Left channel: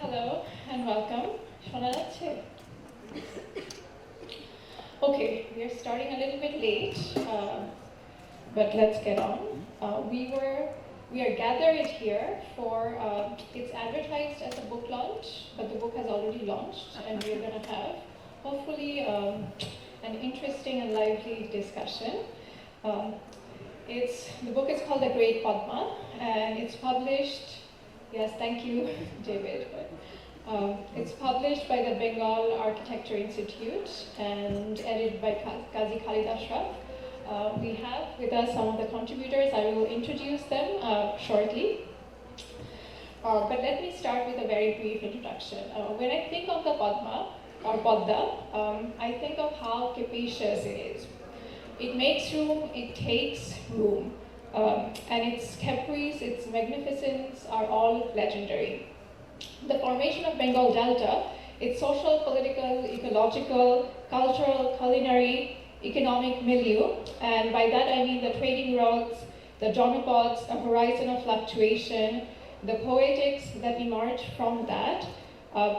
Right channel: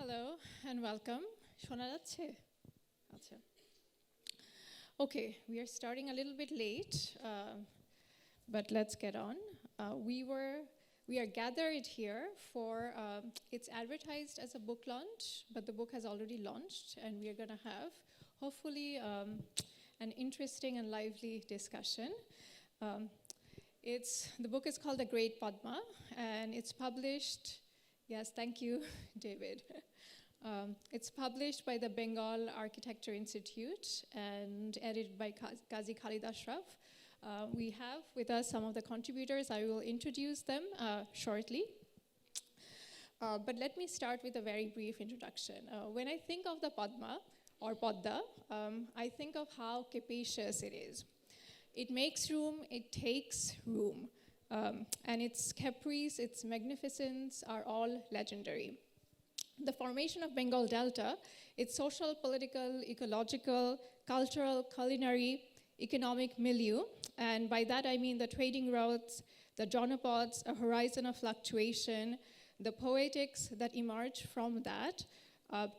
Hello and welcome. Shona যাচ্ছে? Okay, we are starting a little bit late, but let's get on. We are gathered here for, it's advertised as a book launch, but the book has already launched, and we're going to have, hopefully, an interesting and lively discussion. The book is called The Great Padma, and it's published, yes, thank you, David. It's published by the Bengal Architecture Institute and edited by Kazi Khaleed Ashraf. We have with us some of the contributors. I will introduce them shortly. But let me start with a very brief introduction. When I think of the Padma, or Padma, I think of how capacious it is. It makes room, it takes room. And its caprice, its magnificence are all legendary. The formation of Bengal Delta, its social, political, ecological, cultural, culinary, economic milieu, and by that I mean the trading routes, the donopods, a horizon of fluctuation, the poetics that emerge from that,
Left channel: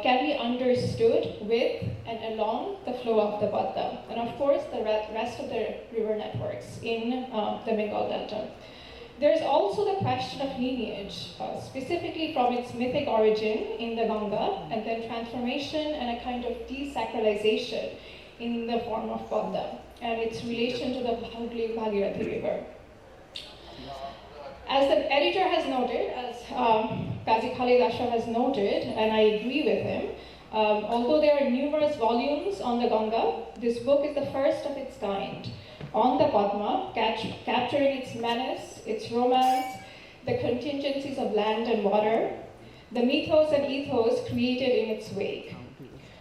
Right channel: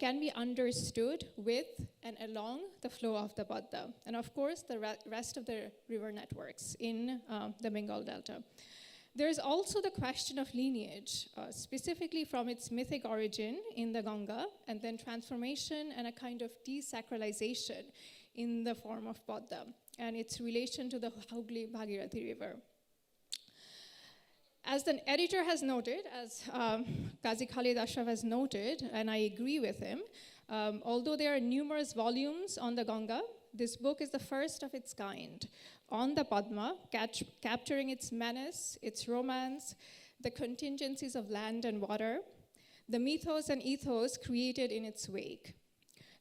can be understood with and along the flow of the Padma, and of course the rest of the river networks in the Bengal Delta. There's also the question of lineage, specifically from its mythic origin in the Ganga, and then transformation and a kind of desacralization in the form of Padma, and its relation to the Bhagirathi River. As the editor has noted, as Kazi Khaleed Ashraf has noted, and I agree with him, although there are numerous volumes on the Ganga, this book is the first of its kind on the Padma, capturing its menace, its romance, the contingencies of land and water, the mythos and ethos created in its wake.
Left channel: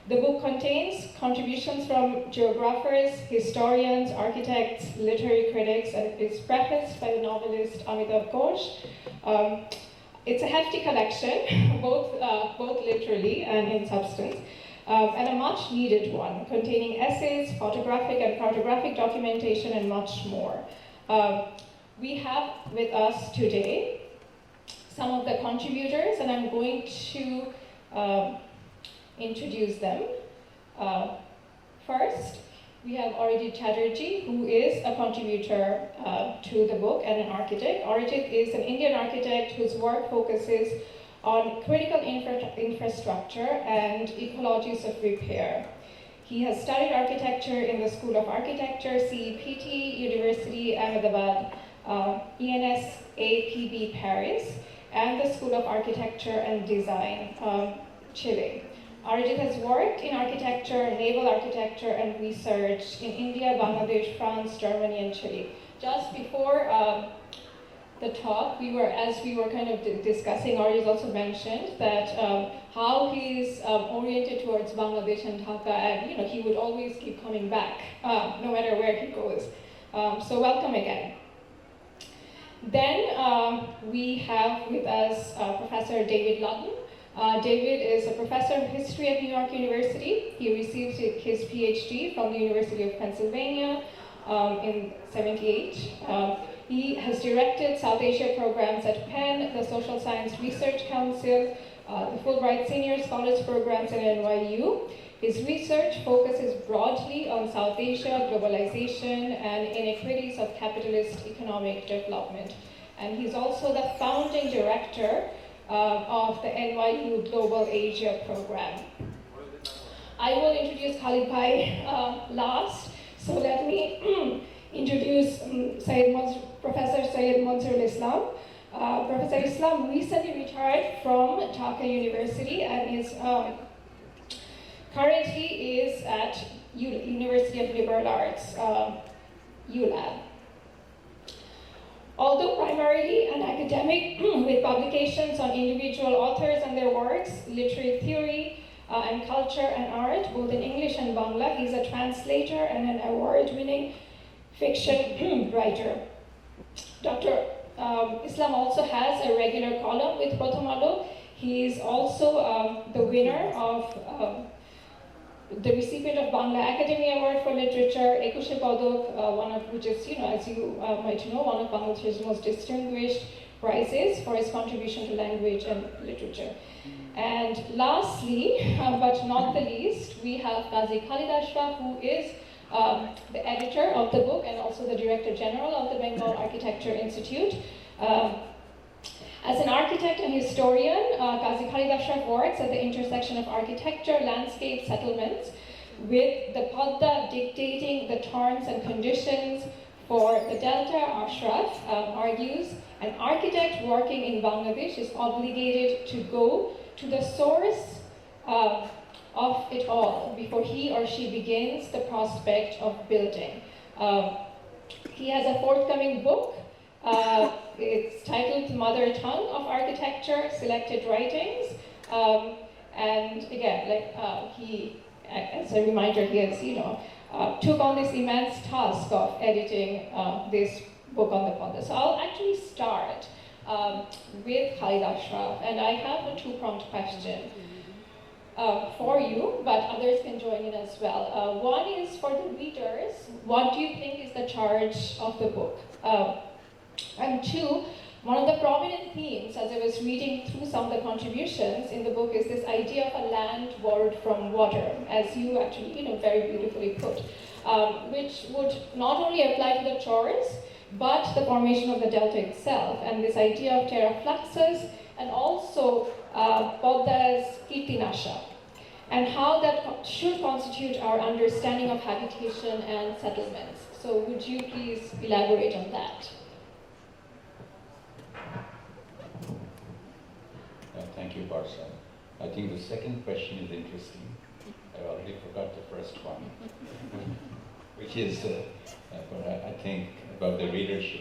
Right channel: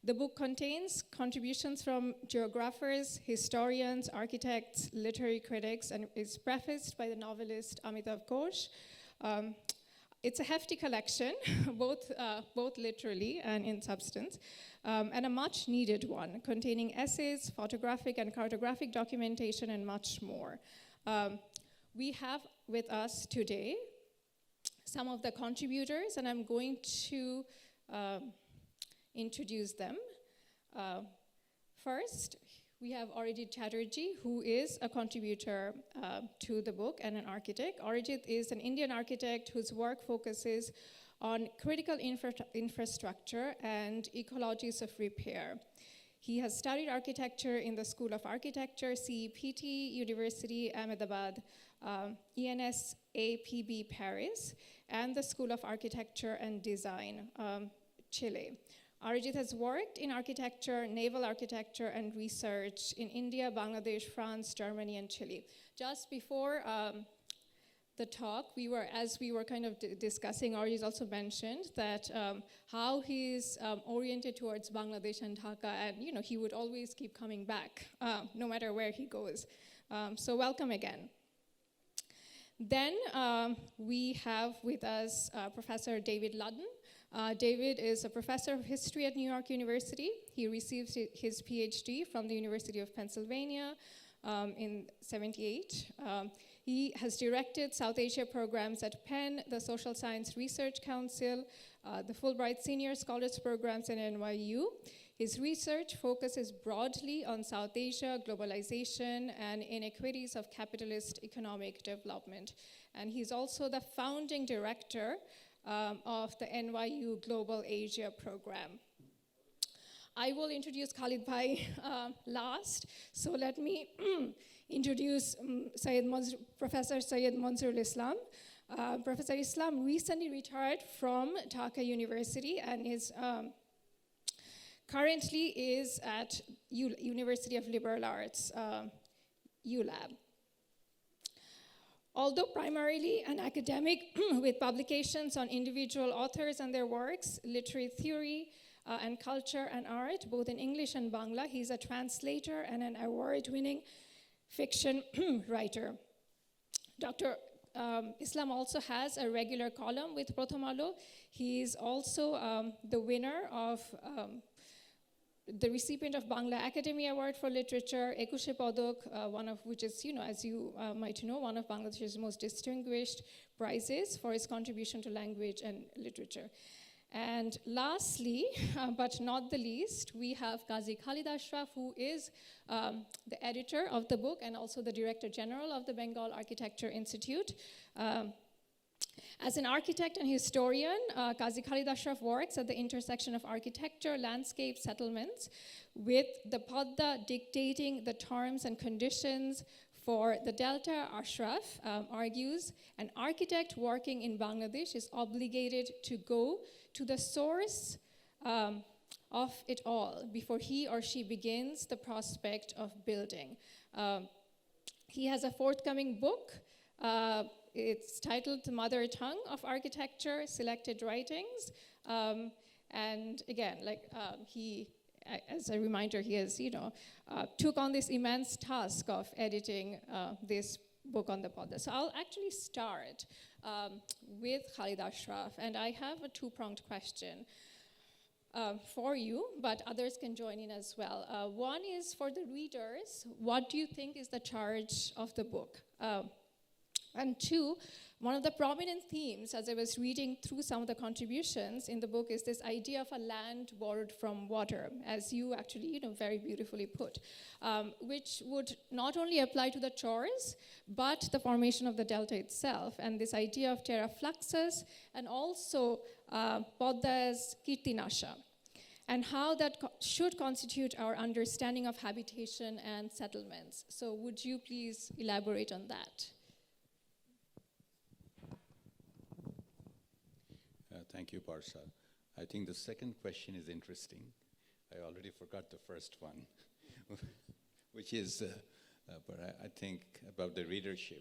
The book contains contributions from geographers, historians, architects, literary critics, and is prefaced by the novelist Amitav Ghosh. It's a hefty collection, both literally and in substance. And a much needed one, containing essays, photographic and cartographic documentation, and much more. We have with us today some of the contributors, and I'm going to introduce them. First, we have Arijit Chatterjee, who is a contributor to the book and an architect. Arijit is an Indian architect whose work focuses on critical infrastructure and ecologies of repair. He has studied architecture in the School of Architecture, CEPT, University Ahmedabad, ENSAPB Paris, and the School of Architecture and Design, Chile. Arijit has worked in architecture, naval architecture, and research in India, Bangladesh, France, Germany, and Chile. Just before the talk, as we were kind of discussing, Arijit also mentioned that how he's oriented towards Bangladesh and Dhaka, and he would always keep coming back, no matter where he goes. So welcome again. Then we have with us Professor David Ludden. David is a professor of history at New York University. He received his PhD from the University of Pennsylvania in '78. He has directed South Asia programs at Penn, the Social Science Research Council, the Fulbright Senior Scholars Programs at NYU. His research focuses broadly on South Asia, globalization, and inequities of capitalist economic development. And he's also the founding director of the NYU Global Asia Program. I will introduce Khalid Bhai last, so let me introduce Professor Syed Manzoorul. Professor Islam recently retired from Dhaka University and is currently is at University of Liberal Arts, ULAB. Although primarily an academic with publications on individual authors and their works, literary theory, and culture and art, both in English and Bangla, he's a translator and an award-winning fiction writer. Dr. Islam also has a regular column with Prothom Alo. He is also the winner of the recipient of Bangla Academy Award for Literature, Ekushe Padok, one of which is, as you might know, one of Bangladesh's most distinguished prizes for his contribution to language and literature. And lastly, but not the least, we have Kazi Khaleed Ashraf, who is the editor of the book and also the Director General of the Bengal Architecture Institute. As an architect and historian, Kazi Khaleed Ashraf works at the intersection of architecture, landscape, settlements, with the Padma dictating the terms and conditions for the Delta. Ashraf argues an architect working in Bangladesh is obligated to go to the source of it all before he or she begins the prospect of building. He has a forthcoming book. It's titled Mother Tongue of Architecture, Selected Writings. And again, he, as a reminder, he has, took on this immense task of editing this book on the Padma. So I'll actually start with Khaled Ashraf, and I have a two-pronged question for you, but others can join in as well. One is for the readers, what do you think is the charge of the book? And two, one of the prominent themes, as I was reading through some of the contributions in the book, is this idea of a land borrowed from water, as you actually, very beautifully put, which would not only apply to the chores, but the formation of the delta itself, and this idea of terra fluxus, and also Padma's Kirtinasha, and how that should constitute our understanding of habitation and settlements. So would you please elaborate on that? Thank you, Parsa. I think the second question is interesting. I already forgot the first one, which is what I think about the readership.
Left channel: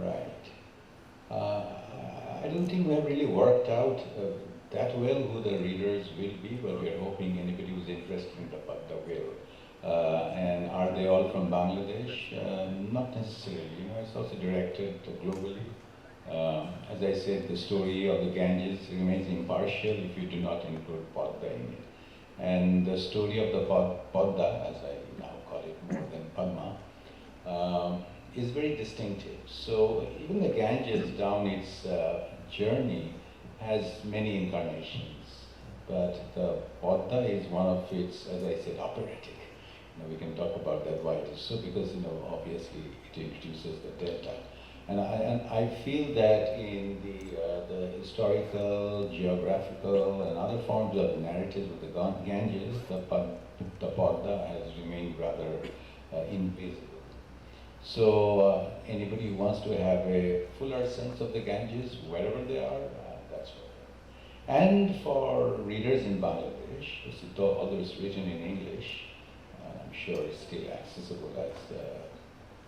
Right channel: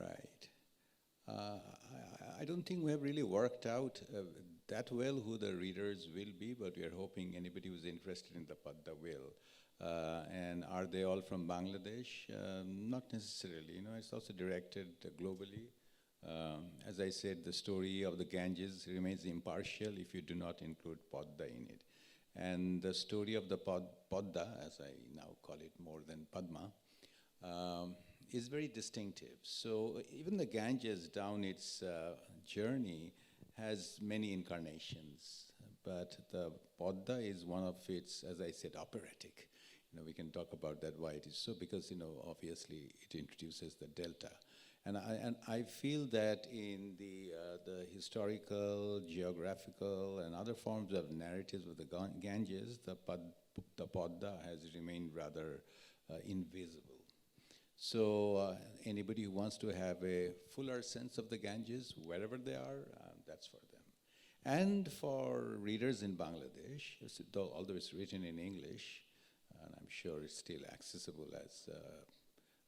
Right. I don't think we have really worked out that well who the readers will be, but we're hoping anybody who's interested in the Padma will. And are they all from Bangladesh? Not necessarily. It's also directed globally. As I said, the story of the Ganges remains impartial if you do not include Padma in it. And the story of the Padma, as I now call it more than Padma, is very distinctive. So even the Ganges down its journey has many incarnations, but the Padma is one of its, as I said, operatic. We can talk about that why it is so, because obviously it introduces the delta, and I feel that in the historical, geographical, and other forms of narrative of the Ganges, the Padma has remained rather invisible. So anybody who wants to have a fuller sense of the Ganges, wherever they are, that's what. And for readers in Bangladesh, although it's written in English, sure it's still accessible, as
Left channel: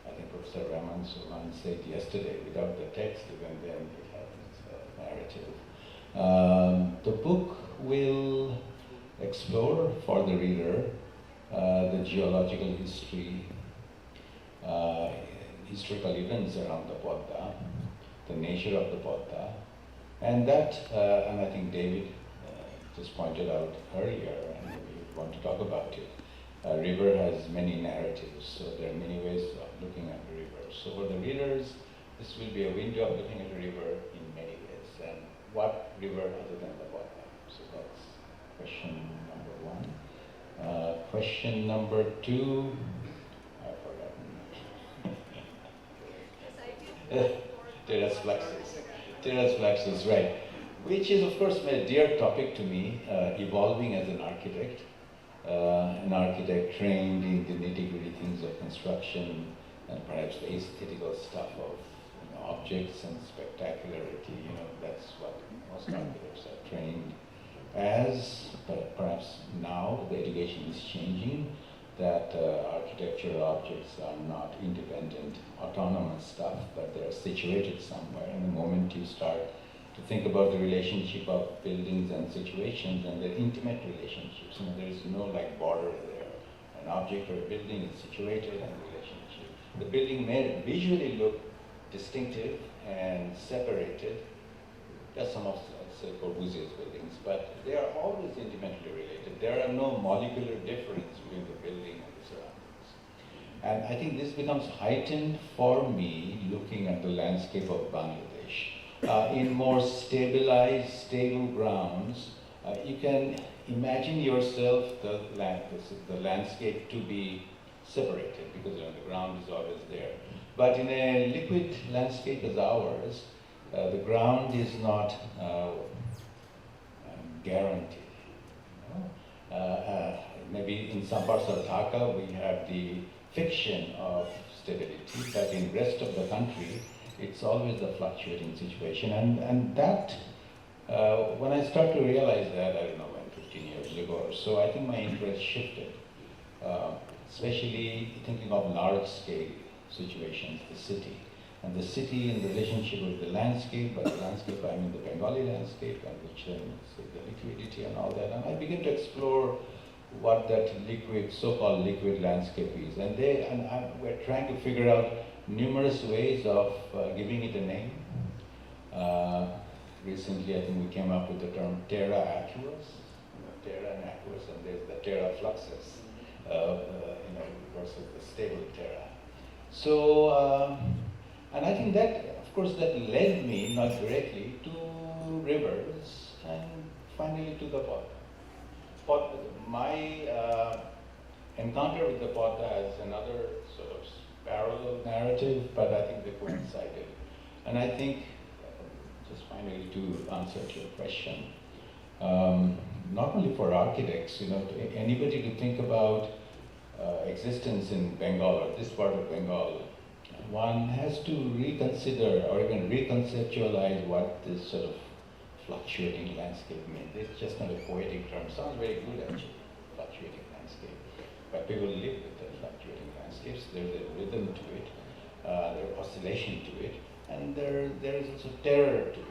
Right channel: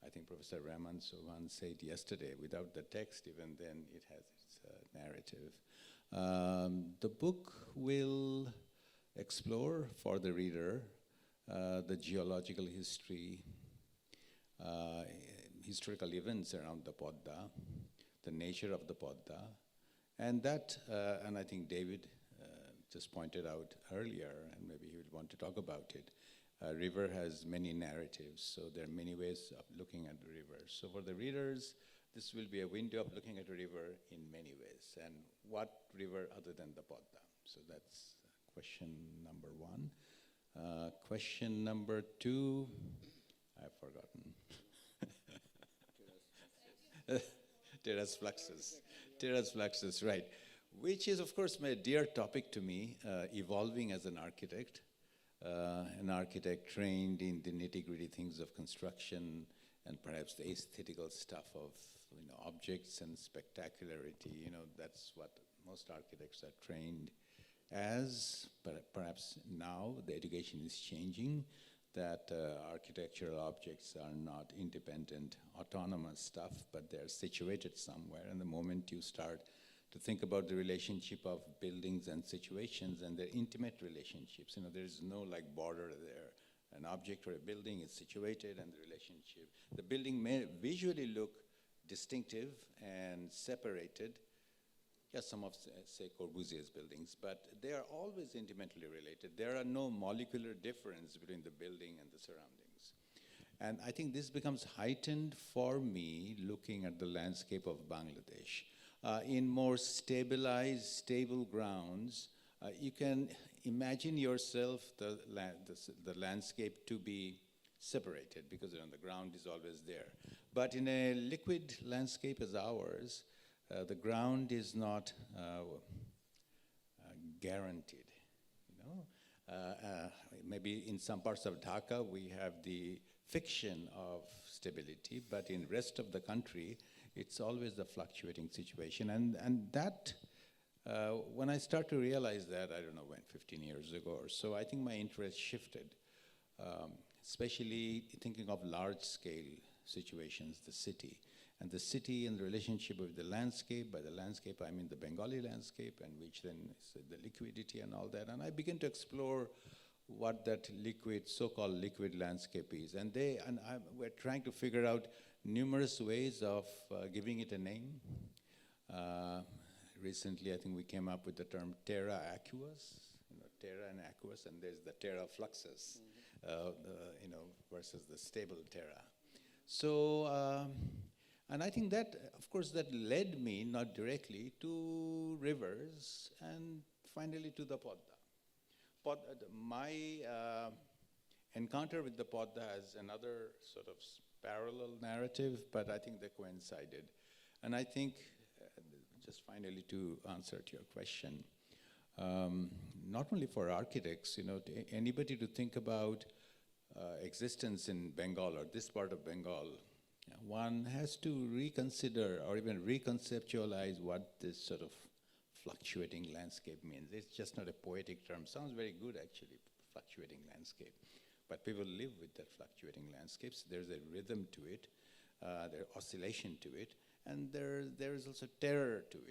I think Professor Rahman Suman said yesterday, without the text, even then it has its narrative. The book will explore for the reader the geological history, historical events around the Padma, the nature of the Padma, and that, and I think David just pointed out earlier, and we want to talk about it. River has many narratives, so there are many ways of looking at the river. So for the readers, this will be a window of looking at the river in many ways. And what river other than the Padma? So that's question number one. Question number two, I've forgotten. Terrace fluxus. Terrace fluxus, right. Which is, of course, a dear topic to me, evolving as an architect trained in the nitty-gritty things of construction and perhaps the aesthetical stuff of objects and spectacularity. That's what most architects are trained as. But perhaps now the education is changing, that architectural objects are not independent, autonomous stuff, but they're situated somewhere. And the moment you start to think about the relationship of buildings and situations and their intimate relationships, there's no border there. An object or a building is situated and relationship. The building may visually look distinctive and separated, as some of, say, Corbusier's buildings, but they are always intimately related. There are no molecular difference between the building and the surroundings. And I think this becomes heightened for me looking at the landscape of Bangladesh. In more stabilized, stable grounds, you can imagine yourself the landscape to be separated because the ground is always there. But in a liquid landscape as ours, the ground is not guaranteed. You know? Maybe in some parts of Dhaka we have the fiction of stability, but in the rest of the country it's always a fluctuating situation. And that, when I start to realize that, I don't know, when 15 years ago or so, I think my interest shifted, especially thinking of large-scale situations, the city. And the city in relationship with the landscape, but the landscape, I mean the Bengali landscape, and which the liquidity and all that. And I began to explore what that liquid, so-called liquid landscape is. And we're trying to figure out numerous ways of giving it a name. Recently, I think we came up with the term terra aqueous, terra and aqueous, and there's the terra fluxus, versus the stable terra. So, and I think that, of course, that led me, not directly, to rivers and finally to the Padma. My encounter with the Padma is another sort of parallel narrative, but I think they coincided. And I think, just finally to answer to your question, not only for architects, anybody to think about existence in Bengal or this part of Bengal, one has to reconsider or even reconceptualize what this sort of fluctuating landscape means. It's just not a poetic term. Sounds very good actually, fluctuating landscape. But people live with the fluctuating landscapes. There's a rhythm to it, there's oscillation to it, and there's also terror to it.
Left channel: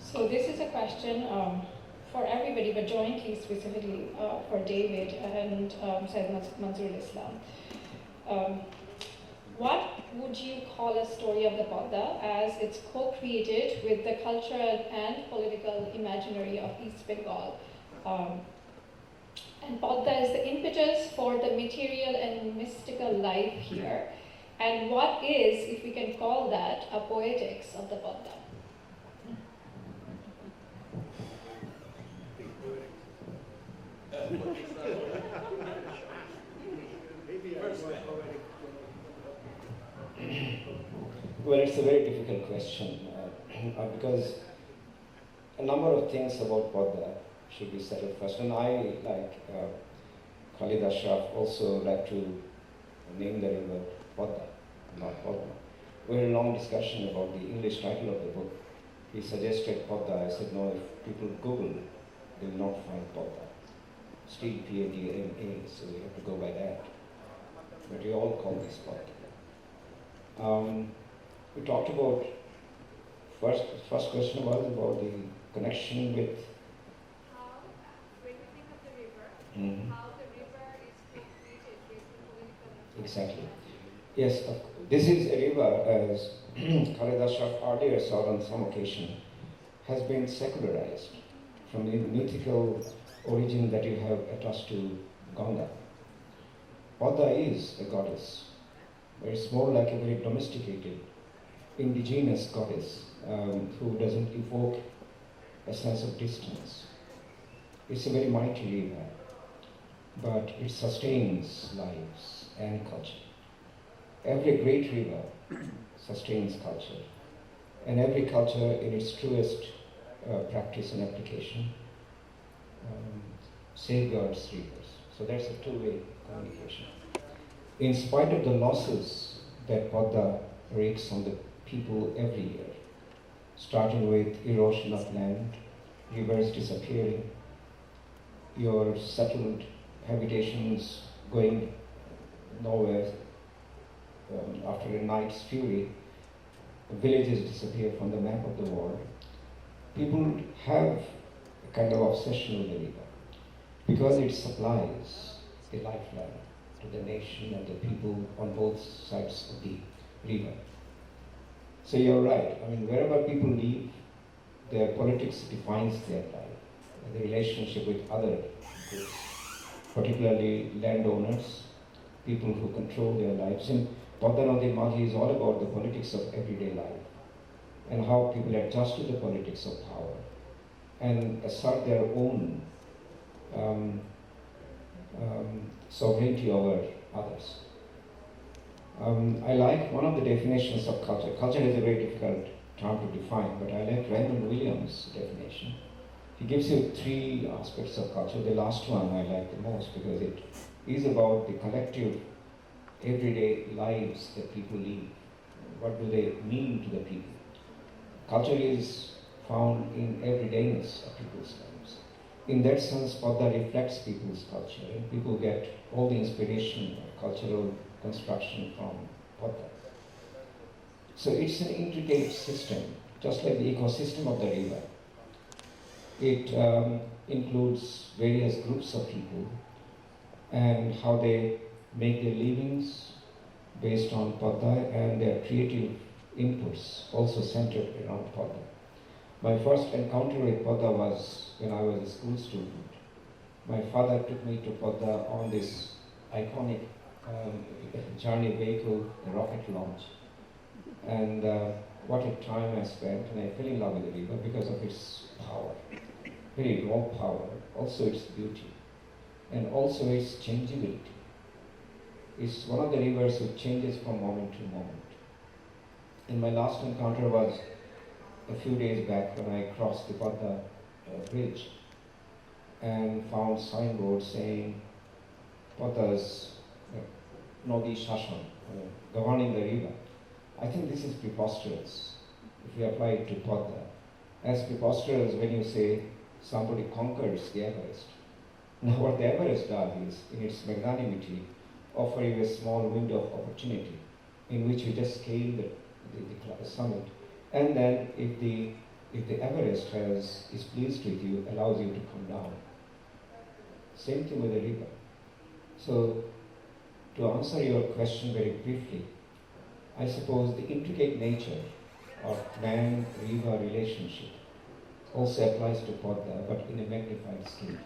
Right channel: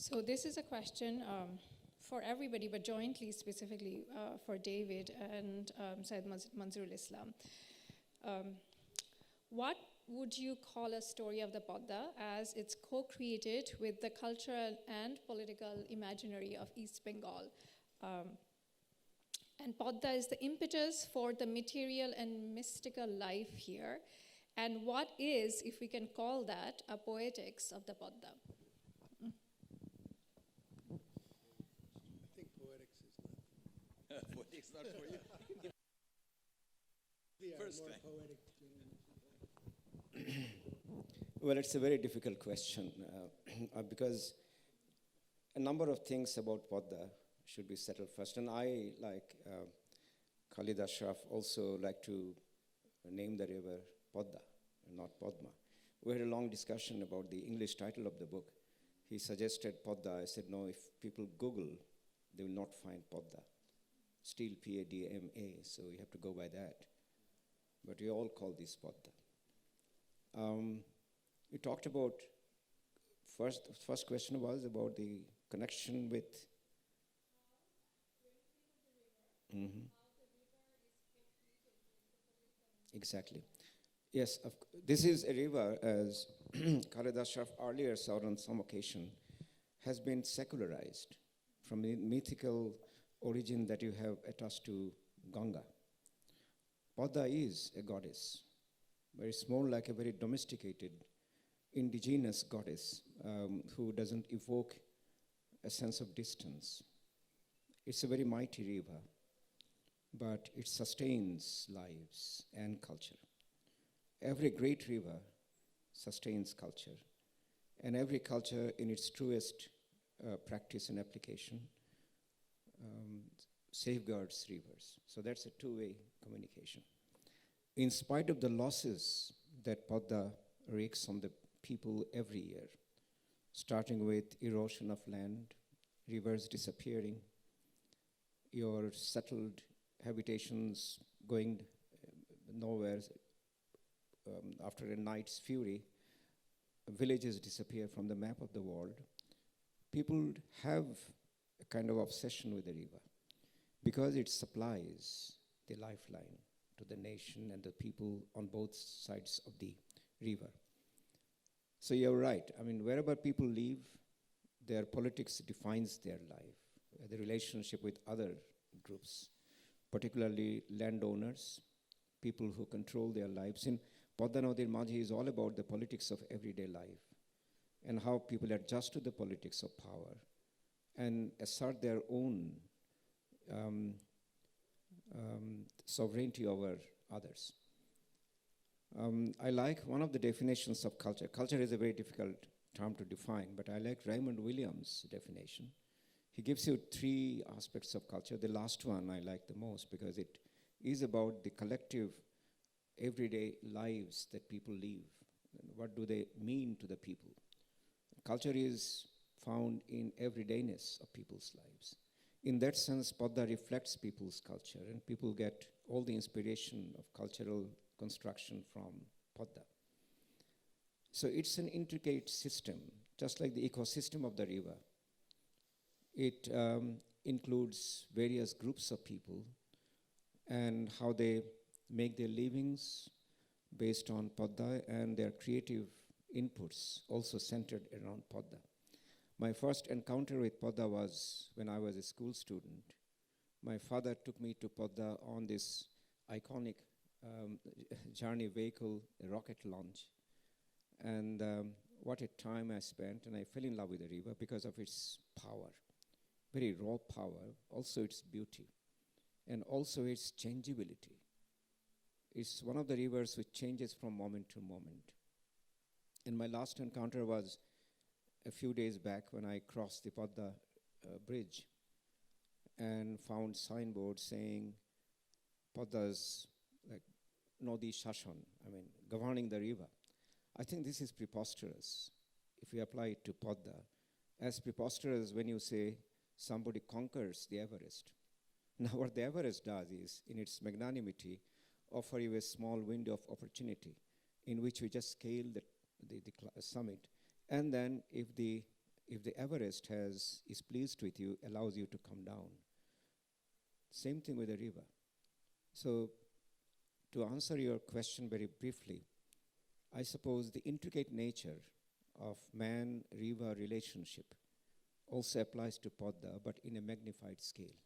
So this is a question for everybody, but jointly, specifically for David and Syed Manzoorul Islam. What would you call a story of the Padma as it's co-created with the cultural and political imaginary of East Bengal? And Padma is the impetus for the material and mystical life here. And what is, if we can call that, a poetics of the Padma? Well, it's a very difficult question because a number of things about Padma should be settled first. And I, like Khaleed Ashraf, also like to name the river Padma, not Padma. We had a long discussion about the English title of the book. He suggested Padma. I said, no, if people Google, they will not find Padma. Still Padma, so we have to go by that. But we all call this Padma. We talked about, first question was about the connection with... How, when you think of the river, how the river is co-created with the political... Exactly. Yes, this is a river, as Khaled Ashraf earlier saw on some occasion, has been secularized from the mythical origin that you have attached to Ganga. Padma is a goddess, but it's more like a very domesticated, indigenous goddess who doesn't evoke a sense of distance. It's a very mighty river, but it sustains lives and culture. Every great river sustains culture, and every culture in its truest practice and application safeguards rivers. So that's a two-way communication. In spite of the losses that Padma wreaks on the people every year, starting with erosion of land, rivers disappearing, your settled habitations going nowhere after a night's fury, villages disappear from the map of the world. People have a kind of obsession with the river because it supplies a lifeline, to the nation and the people on both sides of the river. So you're right. I mean, wherever people live, their politics defines their life, the relationship with other groups, particularly landowners, people who control their lives. And Bodhanadi Mati is all about the politics of everyday life and how people adjust to the politics of power and assert their own sovereignty over others. I like one of the definitions of culture. Culture is a very difficult term to define, but I like Raymond Williams' definition. He gives you three aspects of culture. The last one I like the most because it is about the collective everyday lives that people live. What do they mean to the people? Culture is found in everydayness of people's lives. In that sense, Padma reflects people's culture, and people get all the inspiration of cultural construction from Padma. So it's an intricate system, just like the ecosystem of the river. It includes various groups of people and how they make their livings based on Padma and their creative inputs also centered around Padma. My first encounter with Padma was when I was a school student. My father took me to Padma on this iconic journey vehicle, the rocket launch. And what a time I spent, and I fell in love with the river because of its power, very raw power, also its beauty, and also its changeability. It's one of the rivers which changes from moment to moment. And my last encounter was a few days back when I crossed the Padma bridge and found signboards saying Padma's Nodi Shashan, governing the river. I think this is preposterous if you apply it to Padma. As preposterous when you say somebody conquers the Everest. Now what the Everest does is, in its magnanimity, offer you a small window of opportunity in which you just scale the summit. And then if the Everest is pleased with you, allows you to come down. Same thing with the river. So to answer your question very briefly, I suppose the intricate nature of man-river relationship also applies to Padma, but in a magnified scale.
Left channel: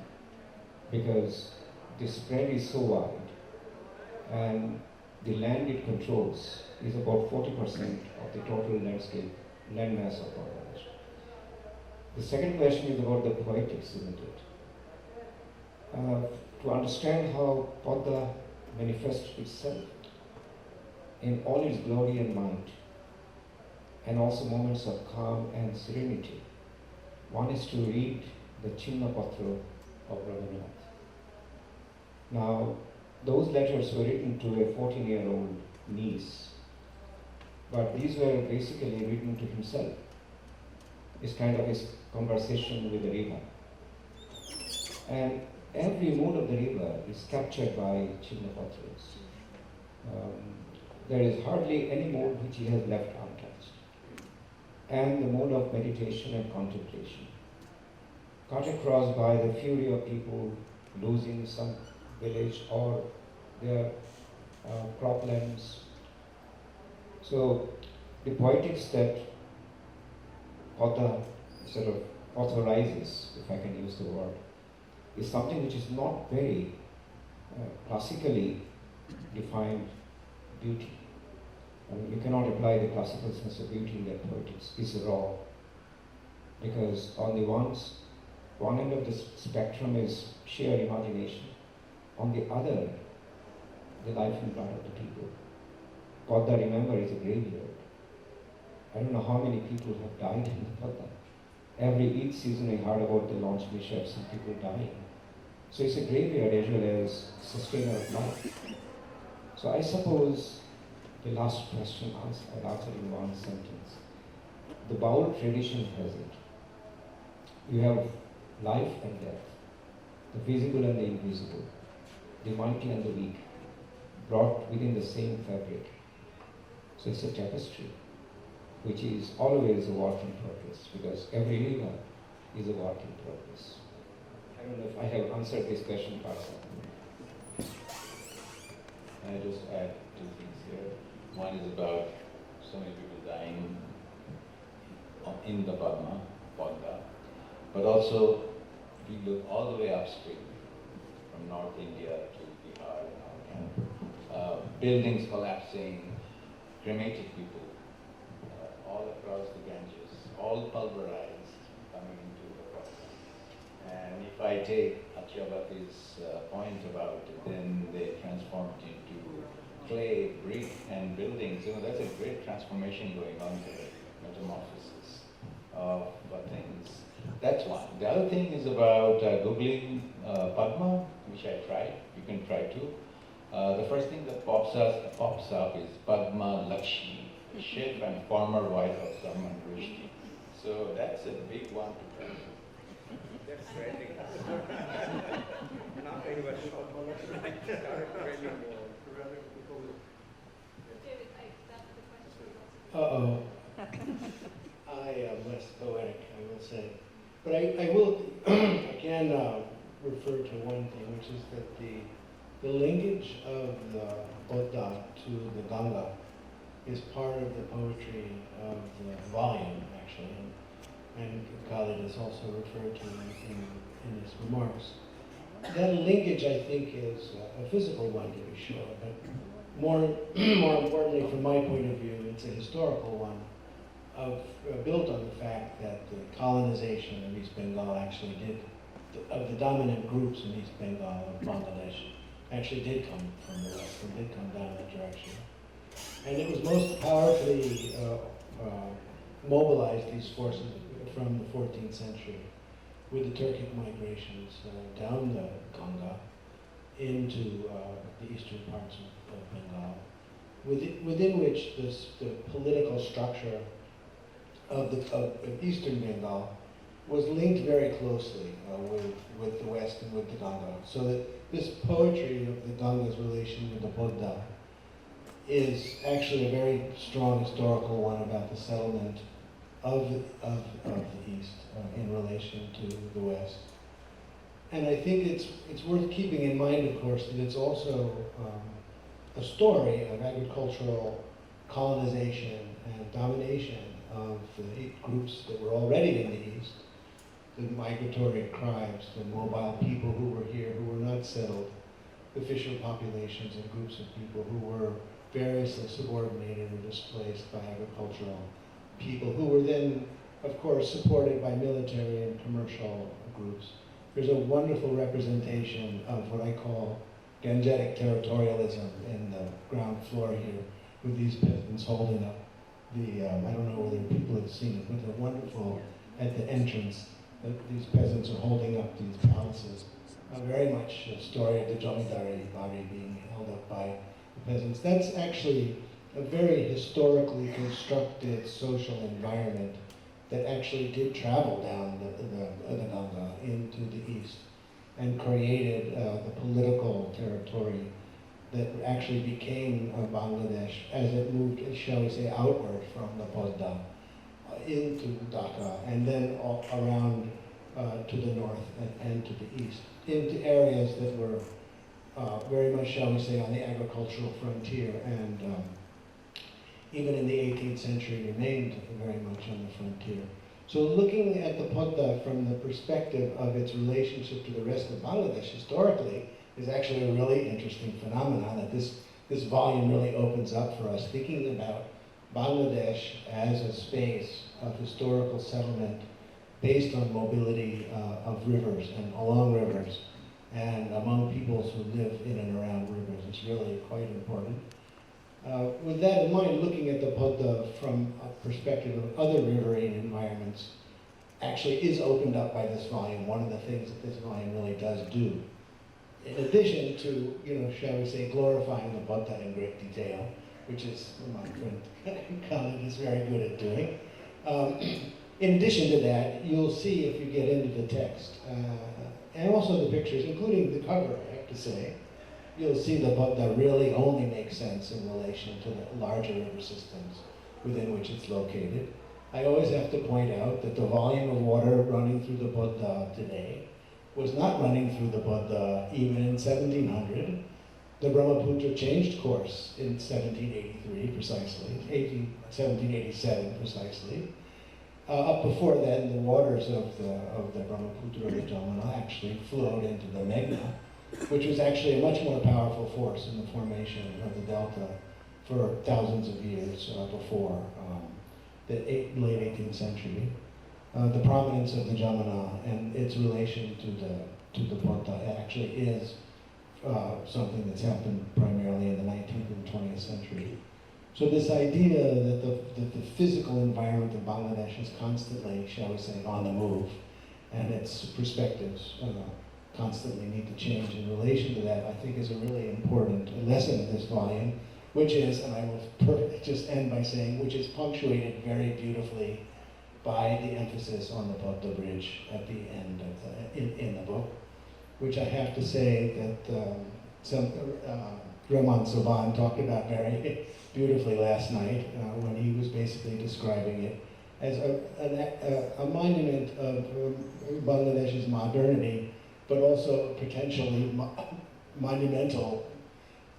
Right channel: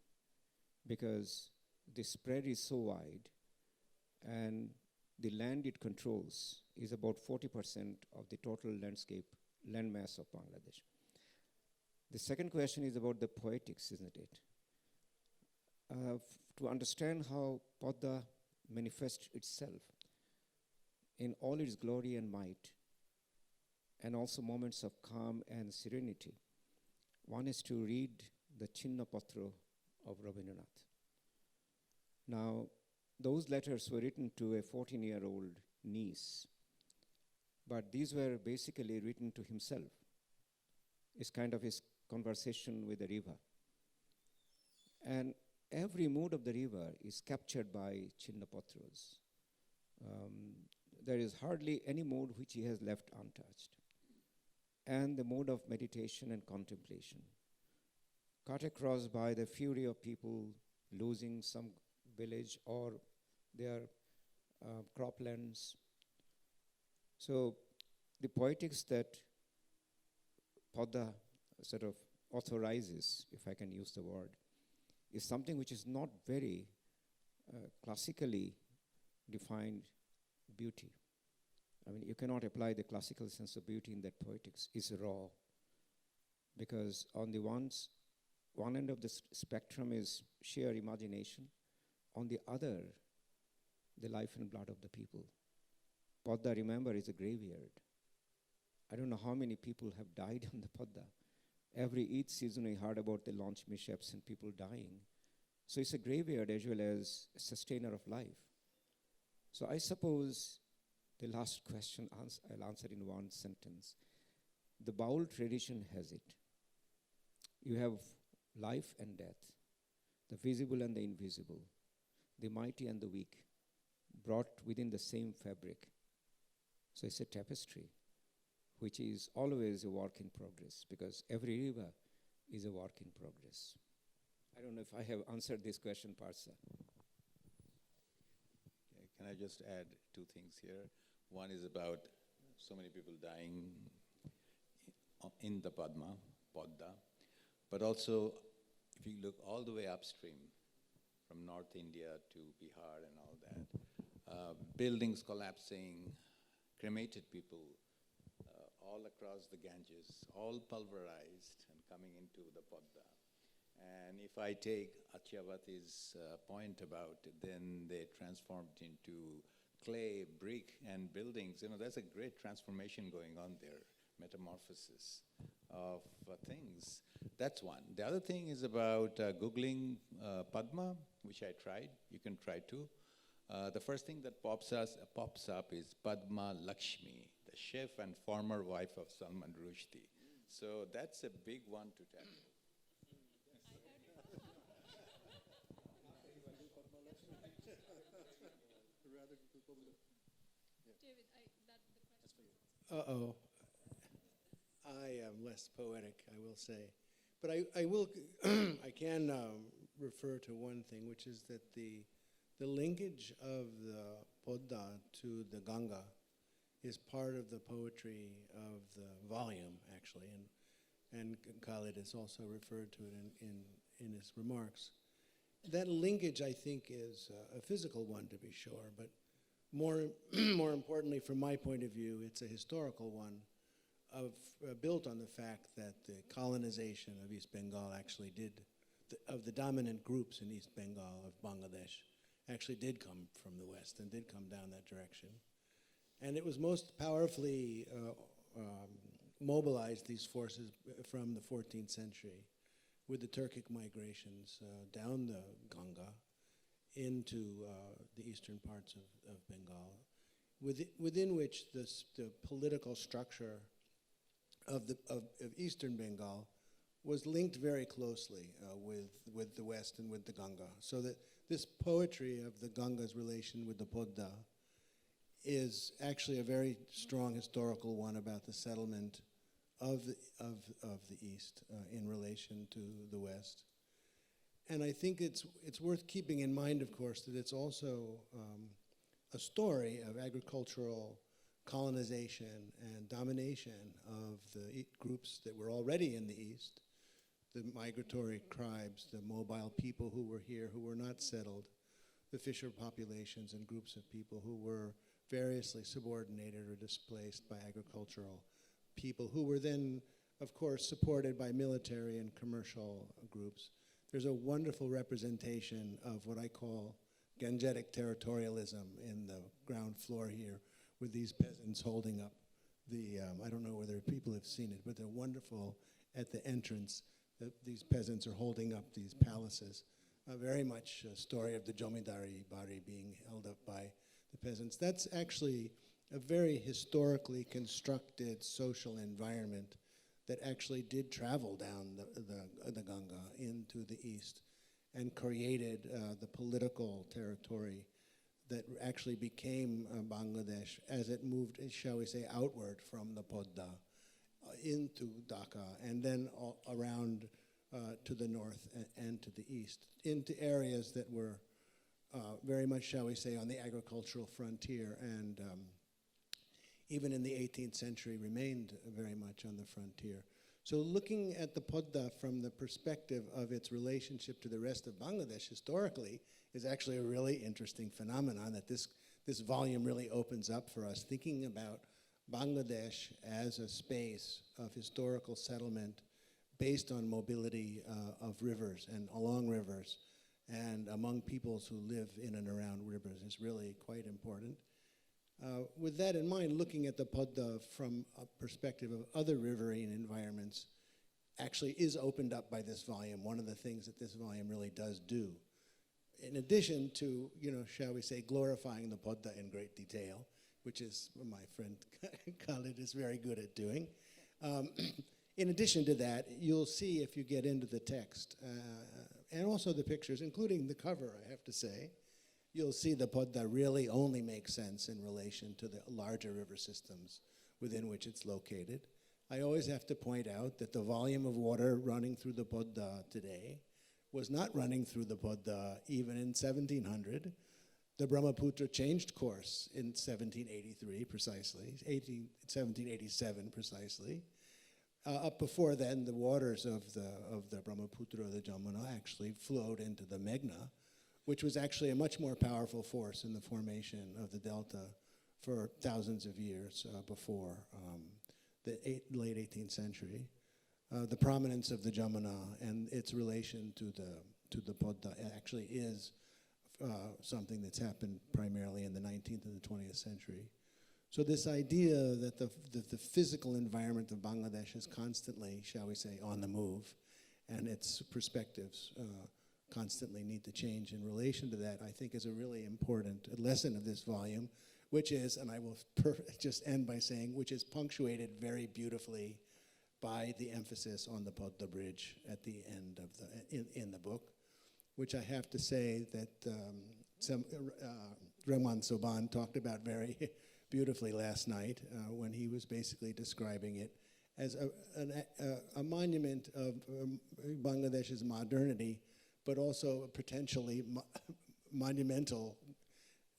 Because the spread is so wide, and the land it controls is about 40% of the total landscape, landmass of Bangladesh. The second question is about the poetics, isn't it? To understand how Padma manifests itself in all its glory and might, and also moments of calm and serenity, one is to read the Chinna Patra of Rabindranath. Now, those letters were written to a 14-year-old niece, but these were basically written to himself. It's kind of his conversation with the river. And every mood of the river is captured by Chinna Patras. There is hardly any mood which he has left untouched. And the mode of meditation and contemplation, cut across by the fury of people losing some village or their problems. So the poetics that Padma sort of authorizes, if I can use the word, is something which is not very classically defined beauty. I mean, you cannot apply the classical sense of beauty in that poetics. It's raw. Because on the one end of the spectrum is sheer imagination. On the other, the life and blood of the people. Padma, remember, is a graveyard. I don't know how many people have died in the Padma. Every Eid season I heard about the launch mishaps and people dying. So it's a graveyard as well as sustainer of life. So I suppose the last question I answered in one sentence. The Baul tradition has it. You have life and death, the visible and the invisible, the mighty and the weak, brought within the same fabric. So it's a tapestry, which is always a work in progress, because every river is a work in progress. I don't know if I have answered this question, Parsa. I just add two things here. One is about so many people dying in the Padma, but also we go all the way upstream from North India to Bihar and all that. Buildings collapsing, cremated people all across the Ganges, all pulverized coming into the Padma. And if I take Acharyabhati's point about then they transformed into clay, brick, and buildings, that's a great transformation going on there, metamorphosis of things. That's one. The other thing is about Googling Padma, which I tried. You can try too. The first thing that pops up is Padma Lakshmi, chef and former wife of Salman Rushdie. So that's a big one to try. That's trending. Not very much trending more. David, that's the question. Uh-oh. I am less poetic, I will say. But I will again refer to one thing, which is that the linkage of the Buddha to the Ganga is part of the poetry of the volume, actually. And Khaled has also referred to in his remarks. That linkage, I think, is a physical one, to be sure, but more importantly, from my point of view, it's a historical one, built on the fact that the colonization of East Bengal actually of the dominant groups in East Bengal of Bangladesh, actually did come from the west, and did come down that direction. And it was most powerfully mobilized, these forces, from the 14th century with the Turkic migrations down the Ganga into the eastern parts of Bengal, within which the political structure of eastern Bengal was linked very closely with the West and with the Ganga. So that this poetry of the Ganga's relation with the Buddha is actually a very strong historical one about the settlement of the East in relation to the West. And I think it's worth keeping in mind, of course, that it's also a story of agricultural colonization and domination of the groups that were already in the East, the migratory tribes, the mobile people who were here, who were not settled, the fisher populations and groups of people who were variously subordinated or displaced by agricultural people, who were then, of course, supported by military and commercial groups. There's a wonderful representation of what I call gangetic territorialism in the ground floor here, with these peasants holding up the, I don't know whether people have seen it, but they're wonderful at the entrance. These peasants are holding up these palaces. Very much a story of the Jamidari body being held up by the peasants. That's actually a very historically constructed social environment that actually did travel down the Ganga into the east and created the political territory that actually became Bangladesh as it moved, shall we say, outward from the Buddha into Dhaka and then around to the north and to the east, into areas that were very much, shall we say, on the agricultural frontier and even in the 18th century remained very much on the frontier. So looking at the Buddha from the perspective of its relationship to the rest of Bangladesh historically is actually a really interesting phenomenon that this volume really opens up for us, thinking about Bangladesh as a space of historical settlement based on mobility of rivers and along rivers and among peoples who live in and around rivers is really quite important. With that in mind, looking at the Buddha from a perspective of other riverine environments actually is opened up by this volume, one of the things that this volume really does do. In addition to, shall we say, glorifying the Buddha in great detail, which is what my friend Khaled is very good at doing. In addition to that, you'll see if you get into the text, and also the pictures, including the cover, I have to say, you'll see the Buddha really only makes sense in relation to the larger river systems within which it's located. I always have to point out that the volume of water running through the Buddha today was not running through the Buddha even in 1700, The Brahmaputra changed course in 1783 precisely, 1787 precisely. Up before then, the waters of the Brahmaputra, the Jamuna, actually flowed into the Meghna, which was actually a much more powerful force in the formation of the delta for thousands of years before the late 18th century. The prominence of the Jamuna and its relation to the Porta actually is something that's happened primarily in the 19th and 20th century. So this idea that the physical environment of Bangladesh is constantly, shall we say, on the move, and its perspectives constantly need to change in relation to that, I think is a really important lesson in this volume, which is, and I will just end by saying, which is punctuated very beautifully by the emphasis on the Butta Bridge at the end of in the book, which I have to say that Raman Soban talked about very beautifully last night when he was basically describing it as a monument of Bangladesh's modernity, but also potentially monumental,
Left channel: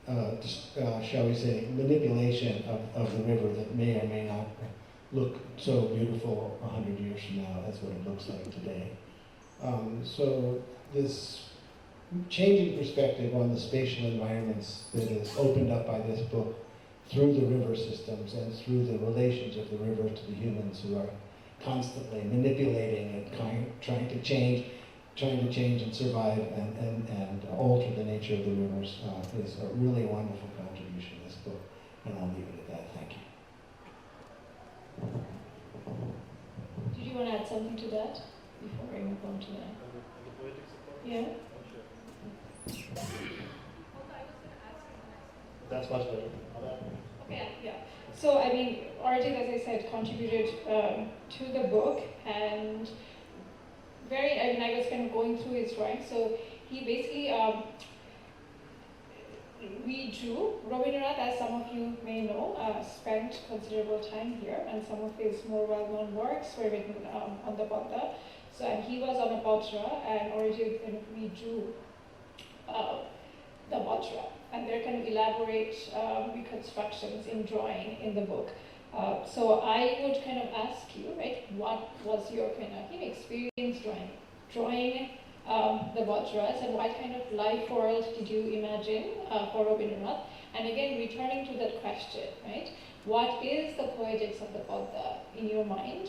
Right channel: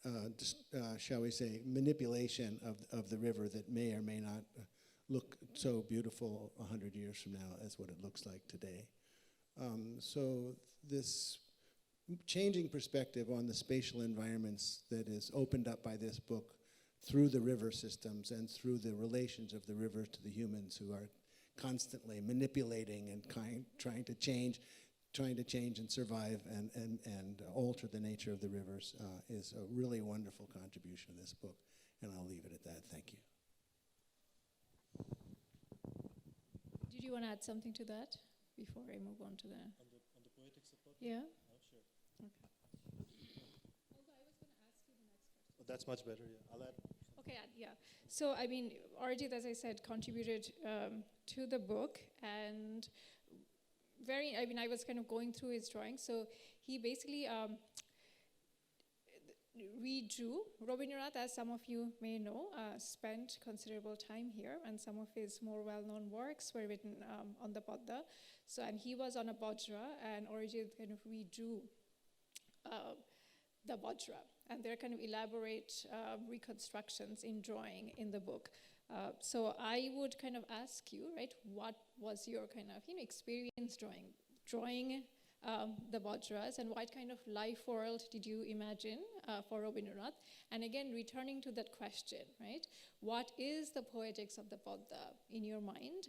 shall we say, manipulation of the river that may or may not look so beautiful 100 years from now. That's what it looks like today. So this changing perspective on the spatial environments that is opened up by this book through the river systems and through the relations of the river to the humans who are constantly manipulating and trying to change and survive and alter the nature of the rivers is a really wonderful contribution to this book. And I'll leave it at that. Thank you. Did you want to add something to that before we move on to that? Yeah? That's much better. Okay, yeah. So, I mean, Arijit, as I said, contributed to the book, and I was kind of going through his drawings. So he basically redrew. Rabindranath, as some of you may know, spent considerable time here, and some of his more well-known works were written on the Buddha. So, and he was on a Vajra, and Arijit kind of redrew the Vajra. And there can be elaborate reconstructions in drawing in the book. So I would kind of ask you, right, what was your kind of experience drawing the Vajras, and what kind of life world did you imagine for Rabindranath? And again, returning to that question, right, what is the poetics of the Buddha in your mind,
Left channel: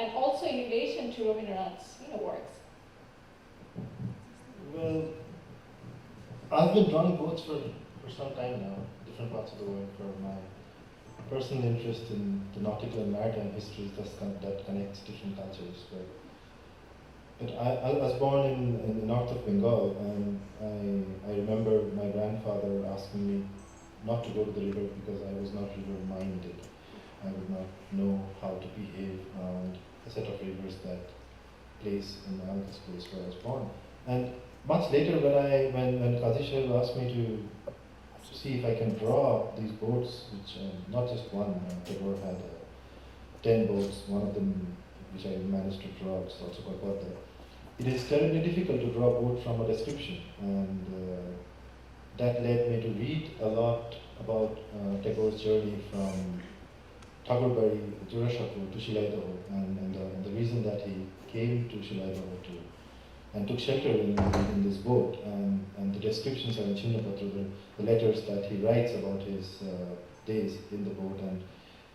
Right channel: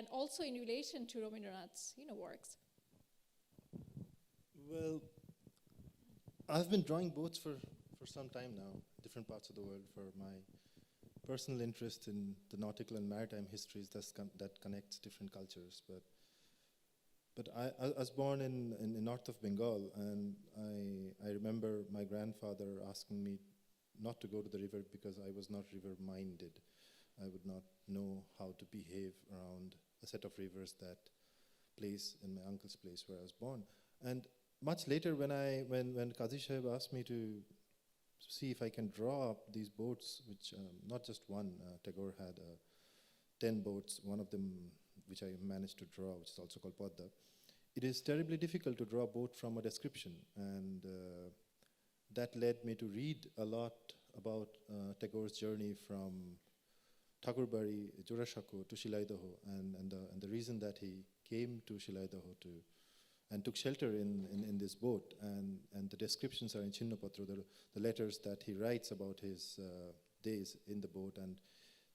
and also in relation to Rabindranath's works? Well, I've been drawing boats for some time now, different parts of the world, for my personal interest in the nautical and maritime histories that connects different cultures. But I was born in the north of Bengal, and I remember my grandfather asking me not to go to the river because I was not river-minded. I would not know how to behave around a set of rivers that place in my uncle's place where I was born. And much later, when Kazi Khaleed asked me to see if I can draw these boats, which not just one, Tagore had 10 boats, one of them which I managed to draw, it's also called Padma. It is terribly difficult to draw a boat from a description, and that led me to read a lot about Tagore's journey from Thakurbari, Jurashapur to Shilaidaho, and the reason that he came to Shilaidaho and took shelter in this boat, and the descriptions are in Chinnapatra, the letters that he writes about his days in the boat, and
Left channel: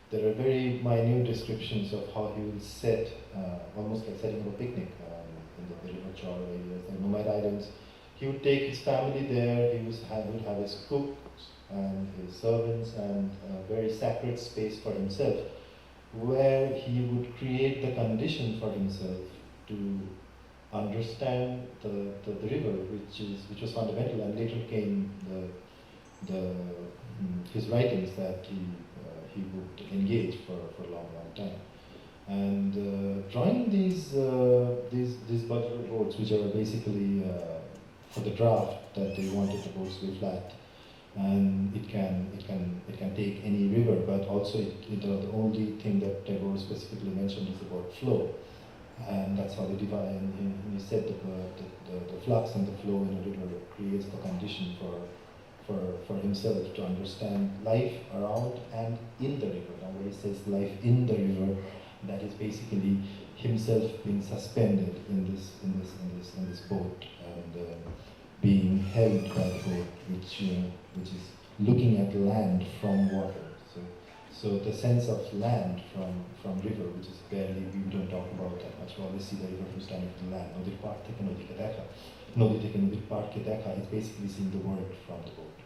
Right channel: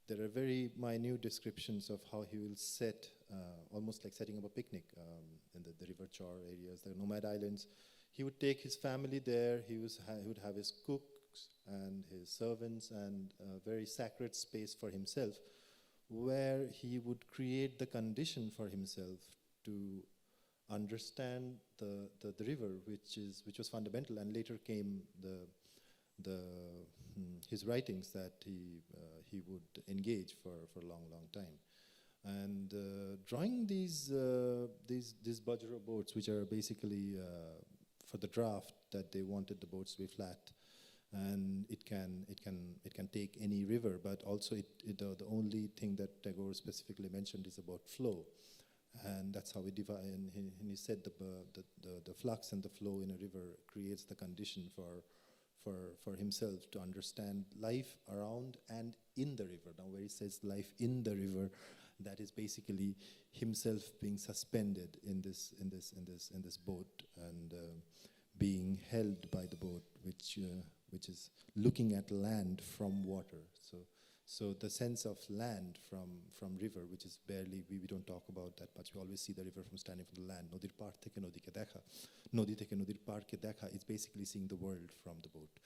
there are very minute descriptions of how he would set, almost like setting a picnic in the river shore areas, the Nomad Islands. He would take his family there, he would have his cooks and his servants, and a very sacred space for himself, where he would create the condition for himself to understand the river, which was fundamental, and later came his writings that he would engage for a long time. And drawing these Vajra boats, which are basically for the draft that they wanted the boats to be flat, and it can take any river, but also the only thing that Tagore specifically mentioned is about flow. And that's how they divide, and he said that the flux and the flow in a river creates the condition for for himself to understand life around and in the river. Now, when he says life in the river, that is basically himself being suspended in this boat and being held by the boat, which is looking at land from water. So the sense of land from river, which is barely, we don't talk about that much. We always see the river who's coming from land. Nodi part theke nodi ke dekha. Nodi theke nodi part ke dekha is basically seeing the world from the boat.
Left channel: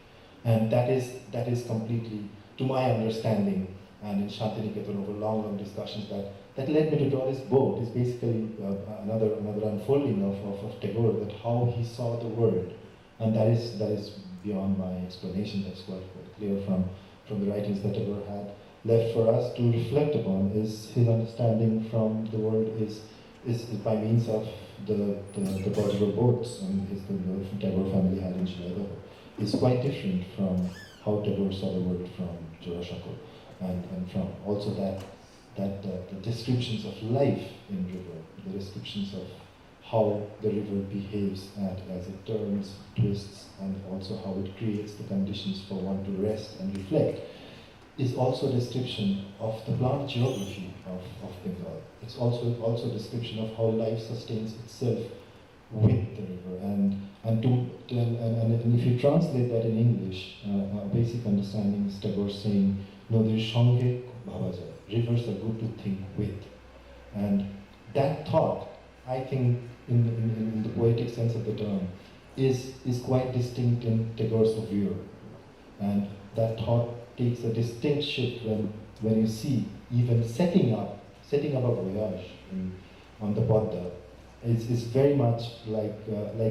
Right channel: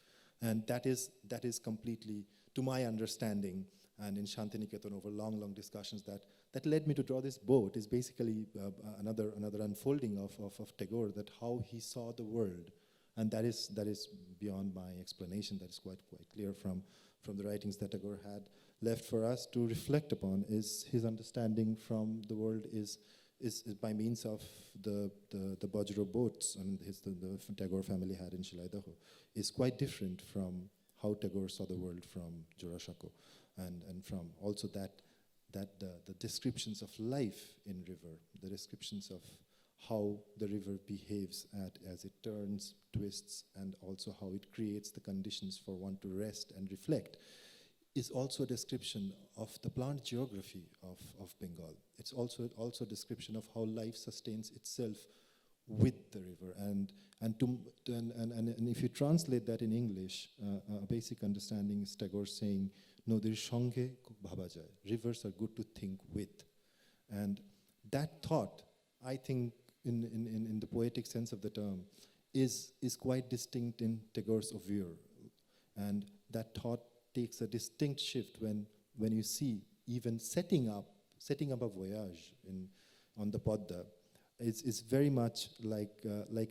And that is completely, to my understanding, and in Shantiniketan over long discussions that led me to draw this boat is basically another unfolding of Tagore, that how he saw the world. And that is beyond my explanation. That's quite clear from the writings that Tagore had left for us to reflect upon. Is his understanding from the world is by means of the Bajra boats and the Tagore family had in Shilada is quite different from how Tagore saw the world from Jurashako, and from also that the descriptions of life in river, the descriptions of how the river behaves as it turns, twists, and also how it creates the conditions for one to rest and reflect, is also a description of the plant geography of Bengal. It's also a description of how life sustains itself with the river. And if you translate that in English, a basic understanding is Tagore saying, no, there's Shange Bhavaja. Rivers are good to think with. And that thought, I think, in the poetic sense of the term, is quite distinct in Tagore's view. And that thought takes a distinct shift when you see even setting up a voyage on the Padma is very much like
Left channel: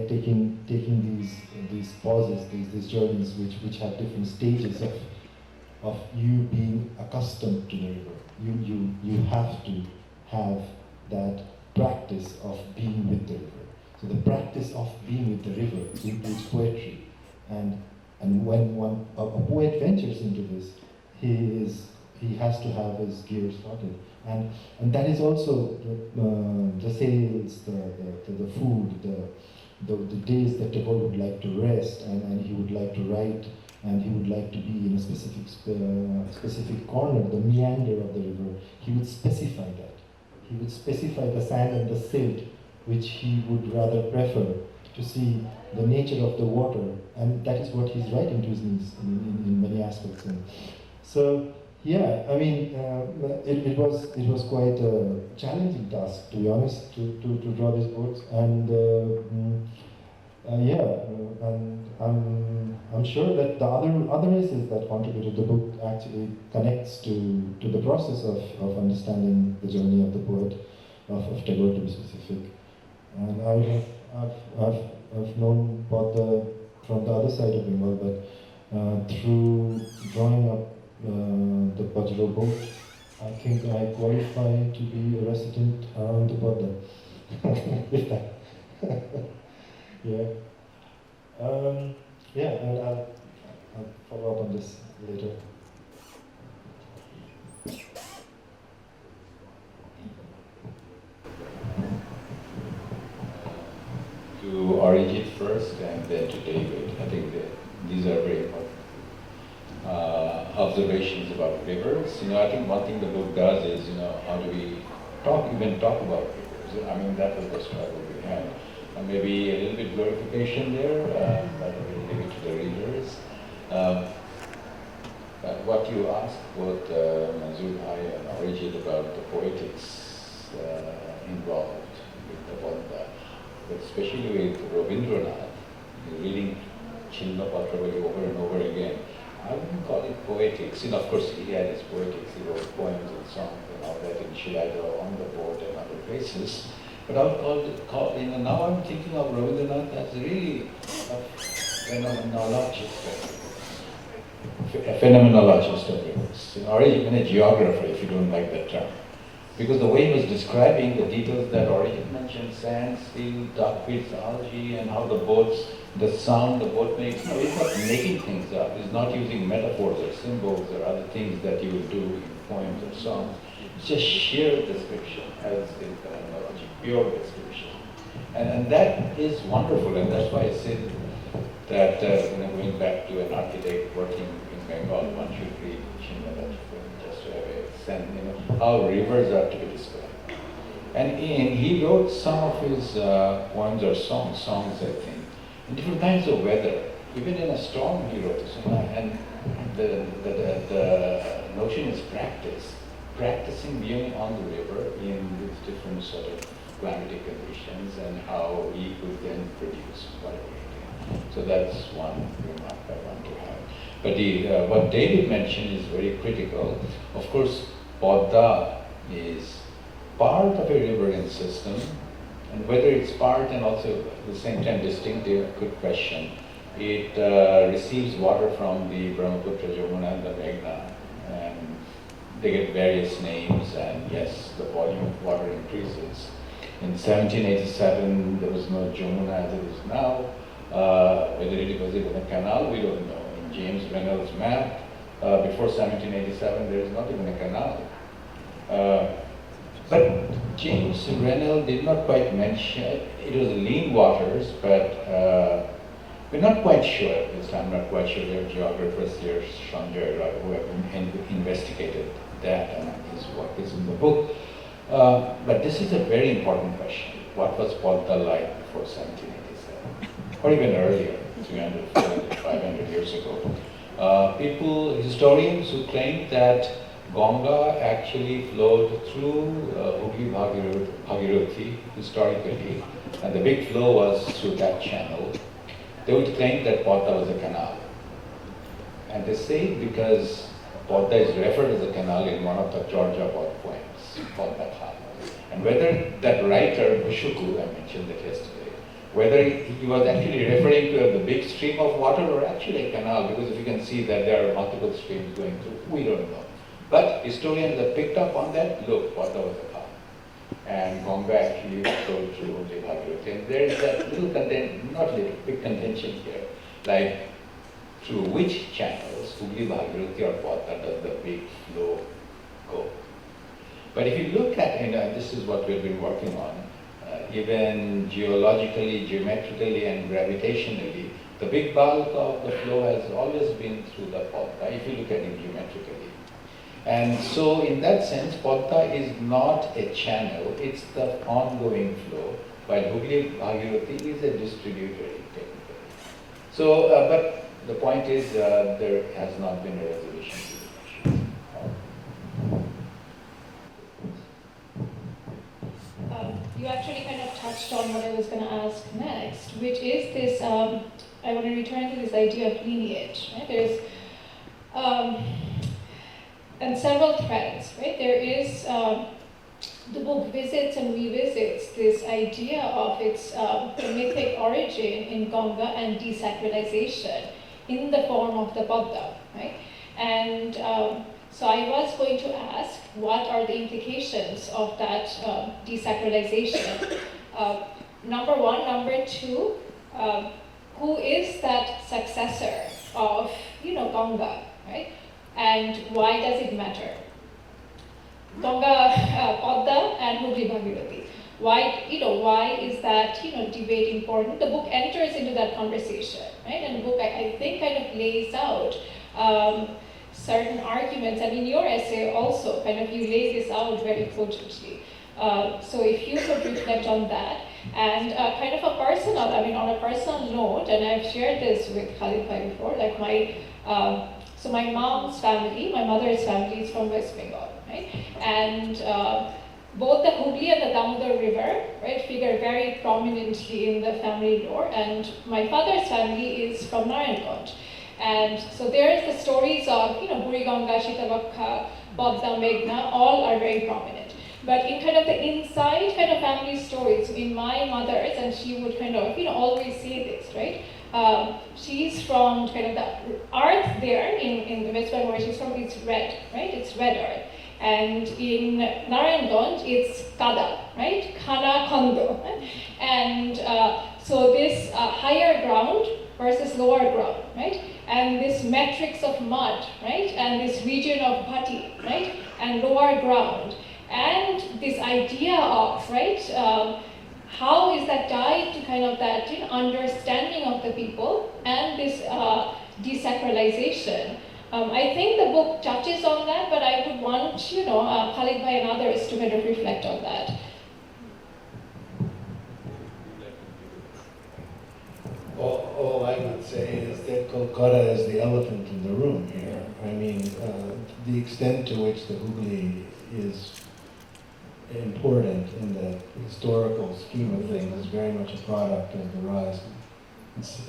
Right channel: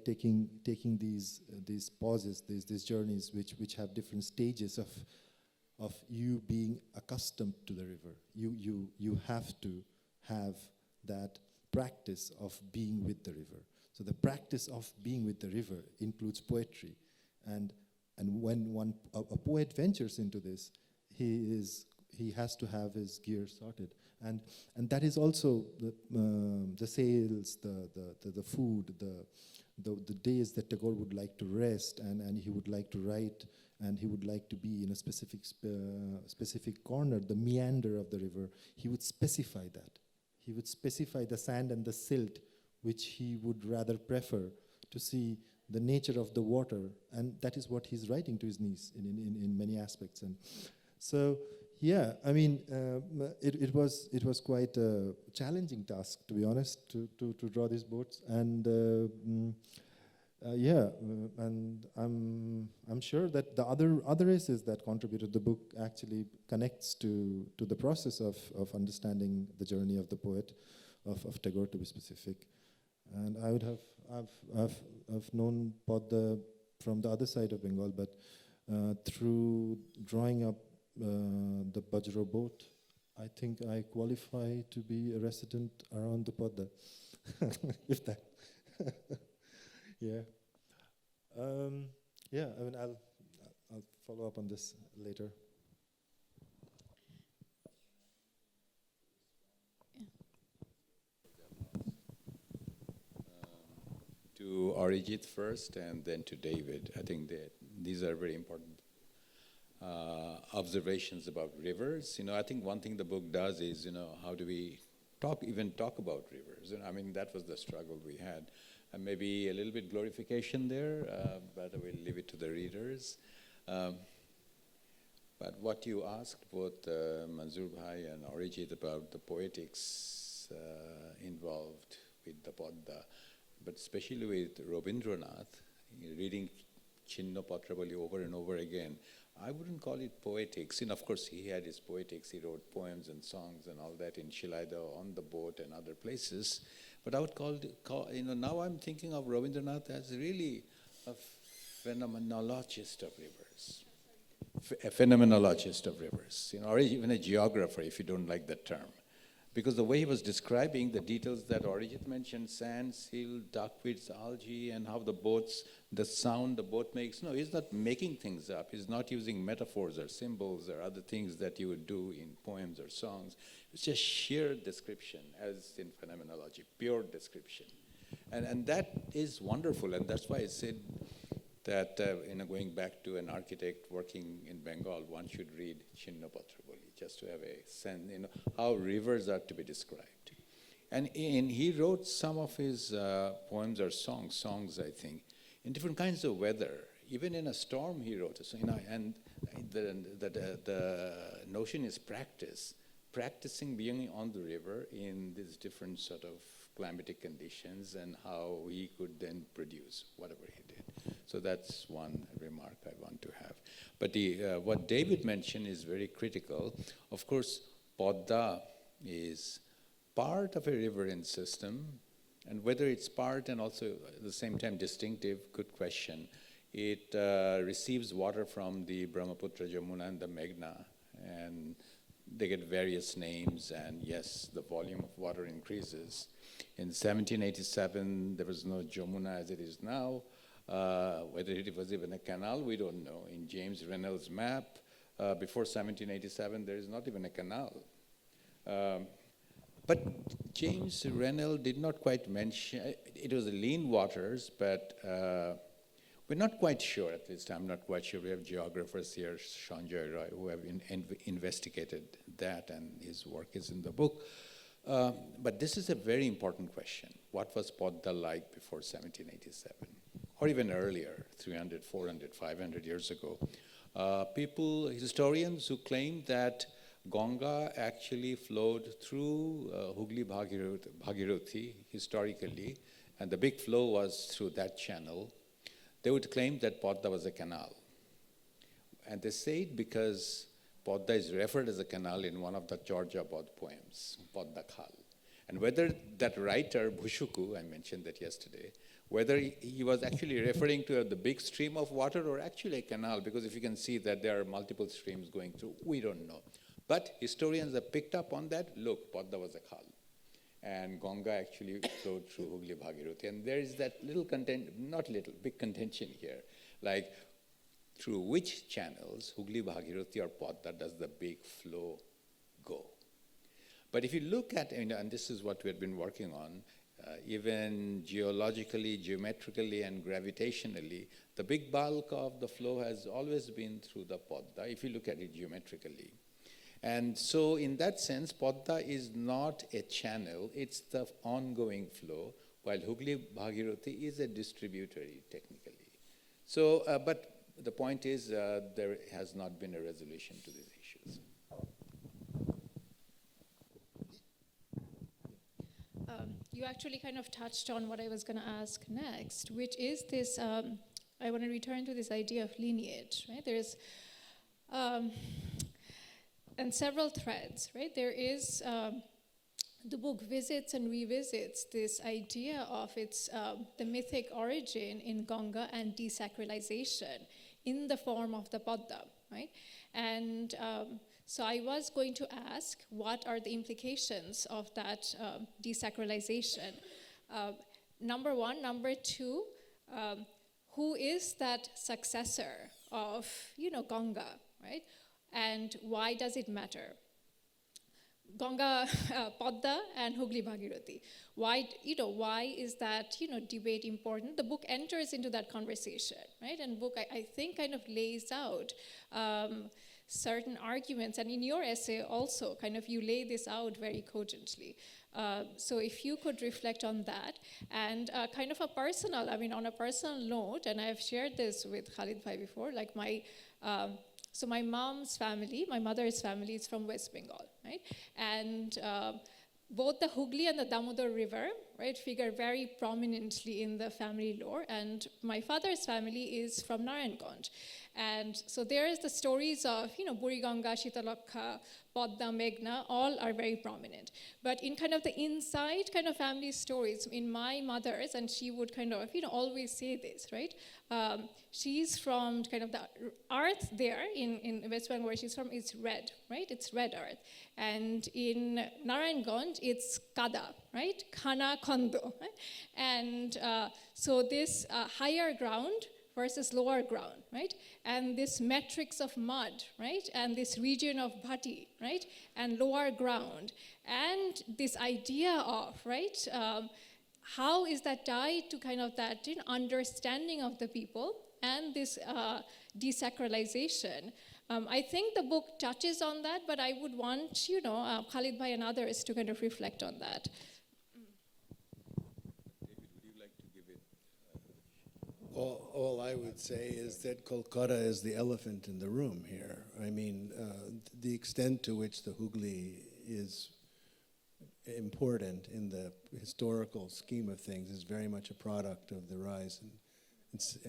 taking these pauses, these journeys which have different stages of you being accustomed to the river. You have to have that practice of being with the river. So the practice of being with the river includes poetry. And when a poet ventures into this, he has to have his gears started. And that is also the sales, the food, the days that Tagore would like to rest, and he would like to write, and he would like to be in a specific corner, the meander of the river. He would specify that. He would specify the sand and the silt, which he would rather prefer to see the nature of the water, and that is what he's writing to his niece in many aspects. And so, yeah, I mean, it was quite a challenging task, to be honest, to draw these boats, and I'm sure that the other essays that contributed to the book actually connects to the process of understanding the journey of the poet, of Tagore to be specific. And I've known Bodh from the other side of Bengal, but through drawing up the Bajra boat, I think I qualify to be a resident around the Bodh. With that. Yeah. And I'll follow up on this later. To Arijit first and then to David. I think these are very important observations about rivers. I think one thing the book does is, how do we talk about rivers? I mean, that was the struggle we had. Maybe a little bit glorification there, but I will leave it to the readers. What you asked both Manzoorul and Arijit about the poetics involved with the Bodh, especially with Rabindranath, reading Chilma Patravali over and over again. I wouldn't call it poetics. Of course, he had his poetics. He wrote poems and songs and all that in Shilada, on the boat and other places. But I would call it, now I'm thinking of Rabindranath as really a phenomenologist of rivers, or even a geographer, if you don't like that term. Because the way he was describing the details that Arijit mentioned, sand, steel, dark pits, algae, and how the boats, the sound the boat makes, he's not making things up. He's not using metaphors or symbols or other things that you would do in poems or songs. It's just sheer description, as in phenomenology, pure description. And that is wonderful, and that's why I said that going back to an architect working in Bengal, one should read Shimla just to have a sense, how rivers are to be described. And he wrote some of his poems or songs, I think, in different kinds of weather. Even in a storm, he wrote this. And the notion is practice. Practicing being on the river in with different sort of climatic conditions and how he could then produce whatever he did. So that's one remark I want to have. But what David mentioned is very critical. Of course, Padma is part of a riverine system, and whether it's part and also at the same time distinctive, good question. It receives water from the Brahmaputra, Jamuna, and the Meghna, and they get various names, and yes, the volume of water increases. In 1787, there was no Jamuna as it is now. Whether it was even a canal, we don't know. In James Reynolds' map, before 1787, there is not even a canal. But James Reynolds did not quite mention, it was lean waters, but we're not quite sure at this time, not quite sure. We have geographers here, Sanjana, who have investigated that, and is what is in the book. But this is a very important question. What was Padma like before 1787? Or even earlier, 300, 400, 500 years ago? Historians who claim that Ganga actually flowed through Hooghly Bhagirathi historically, and the big flow was through that channel. They would claim that Padma was a canal. And they say it because Padma is referred as a canal in one of the Georgia poems, Padma. And whether that writer, Bushuku, I mentioned that yesterday, whether he was actually referring to the big stream of water or actually a canal, because if you can see that there are multiple streams going through, we don't know. But historians have picked up on that. Look, Padma was a canal. And Ganga actually flowed through Hooghly Bhagirathi. And there is that little not little, big contention here, like through which channels, Hooghly Bhagirathi or Padma, does the big flow go? But if you look at, and this is what we've been working on, even geologically, geometrically, and gravitationally, the big bulk of the flow has always been through the Padma, if you look at it geometrically. And so in that sense, Padma is not a channel, it's the ongoing flow, while Hooghly Bhagirathi is a distributary technically. So, but the point is there has not been a resolution to the question. You actually kind of touched on what I was going to ask next, which is this, I want to return to this idea of lineage. Right? There's, and several threads, right? There is, the book visits and revisits this idea of its mythic origin in Ganga and desacralization in the form of the Padma, right? And so I was going to ask, what are the implications of that desacralization? Number one. Number two, who is that successor of, Ganga, right? And why does it matter? Ganga, Padma, and Hooghly Bhagirathi. Why is that, debate important? The book enters into that conversation, right? And the book, I think, kind of lays out certain arguments, and in your essay also, kind of you lay this out very cogently. So if you could reflect on that, and kind of on a personal note, and I've shared this with Khaled before, like so my mom's family, my mother's family is from West Bengal, right? And both the Hooghly and the Damodar River, right, figure very prominently in the family lore, and my father's family is from Narayanganj. And so there's the stories of, Buriganga, Shitabakha, Padma, Meghna, all are very prominent. But in kind of the inside kind of family stories, in my mother's, and she would kind of, always say this, right? She's from kind of the earth there in the West Bengal where she's from, it's red, right? It's red earth. And in Narayanganj, it's Kada, right? Khana Khando. And so this higher ground versus lower ground, right? And this matrix of mud, right? And this region of Bhati, right? And lower ground. And this idea of, right? how is that tied to kind of that understanding of the people and this desacralization? I think the book touches on that, but I would want, Khaled and others to kind of reflect on that. All I would say is that Kolkata is the elephant in the room here. I mean, the extent to which the Hooghly is important in the historical scheme of things is very much a product of the rise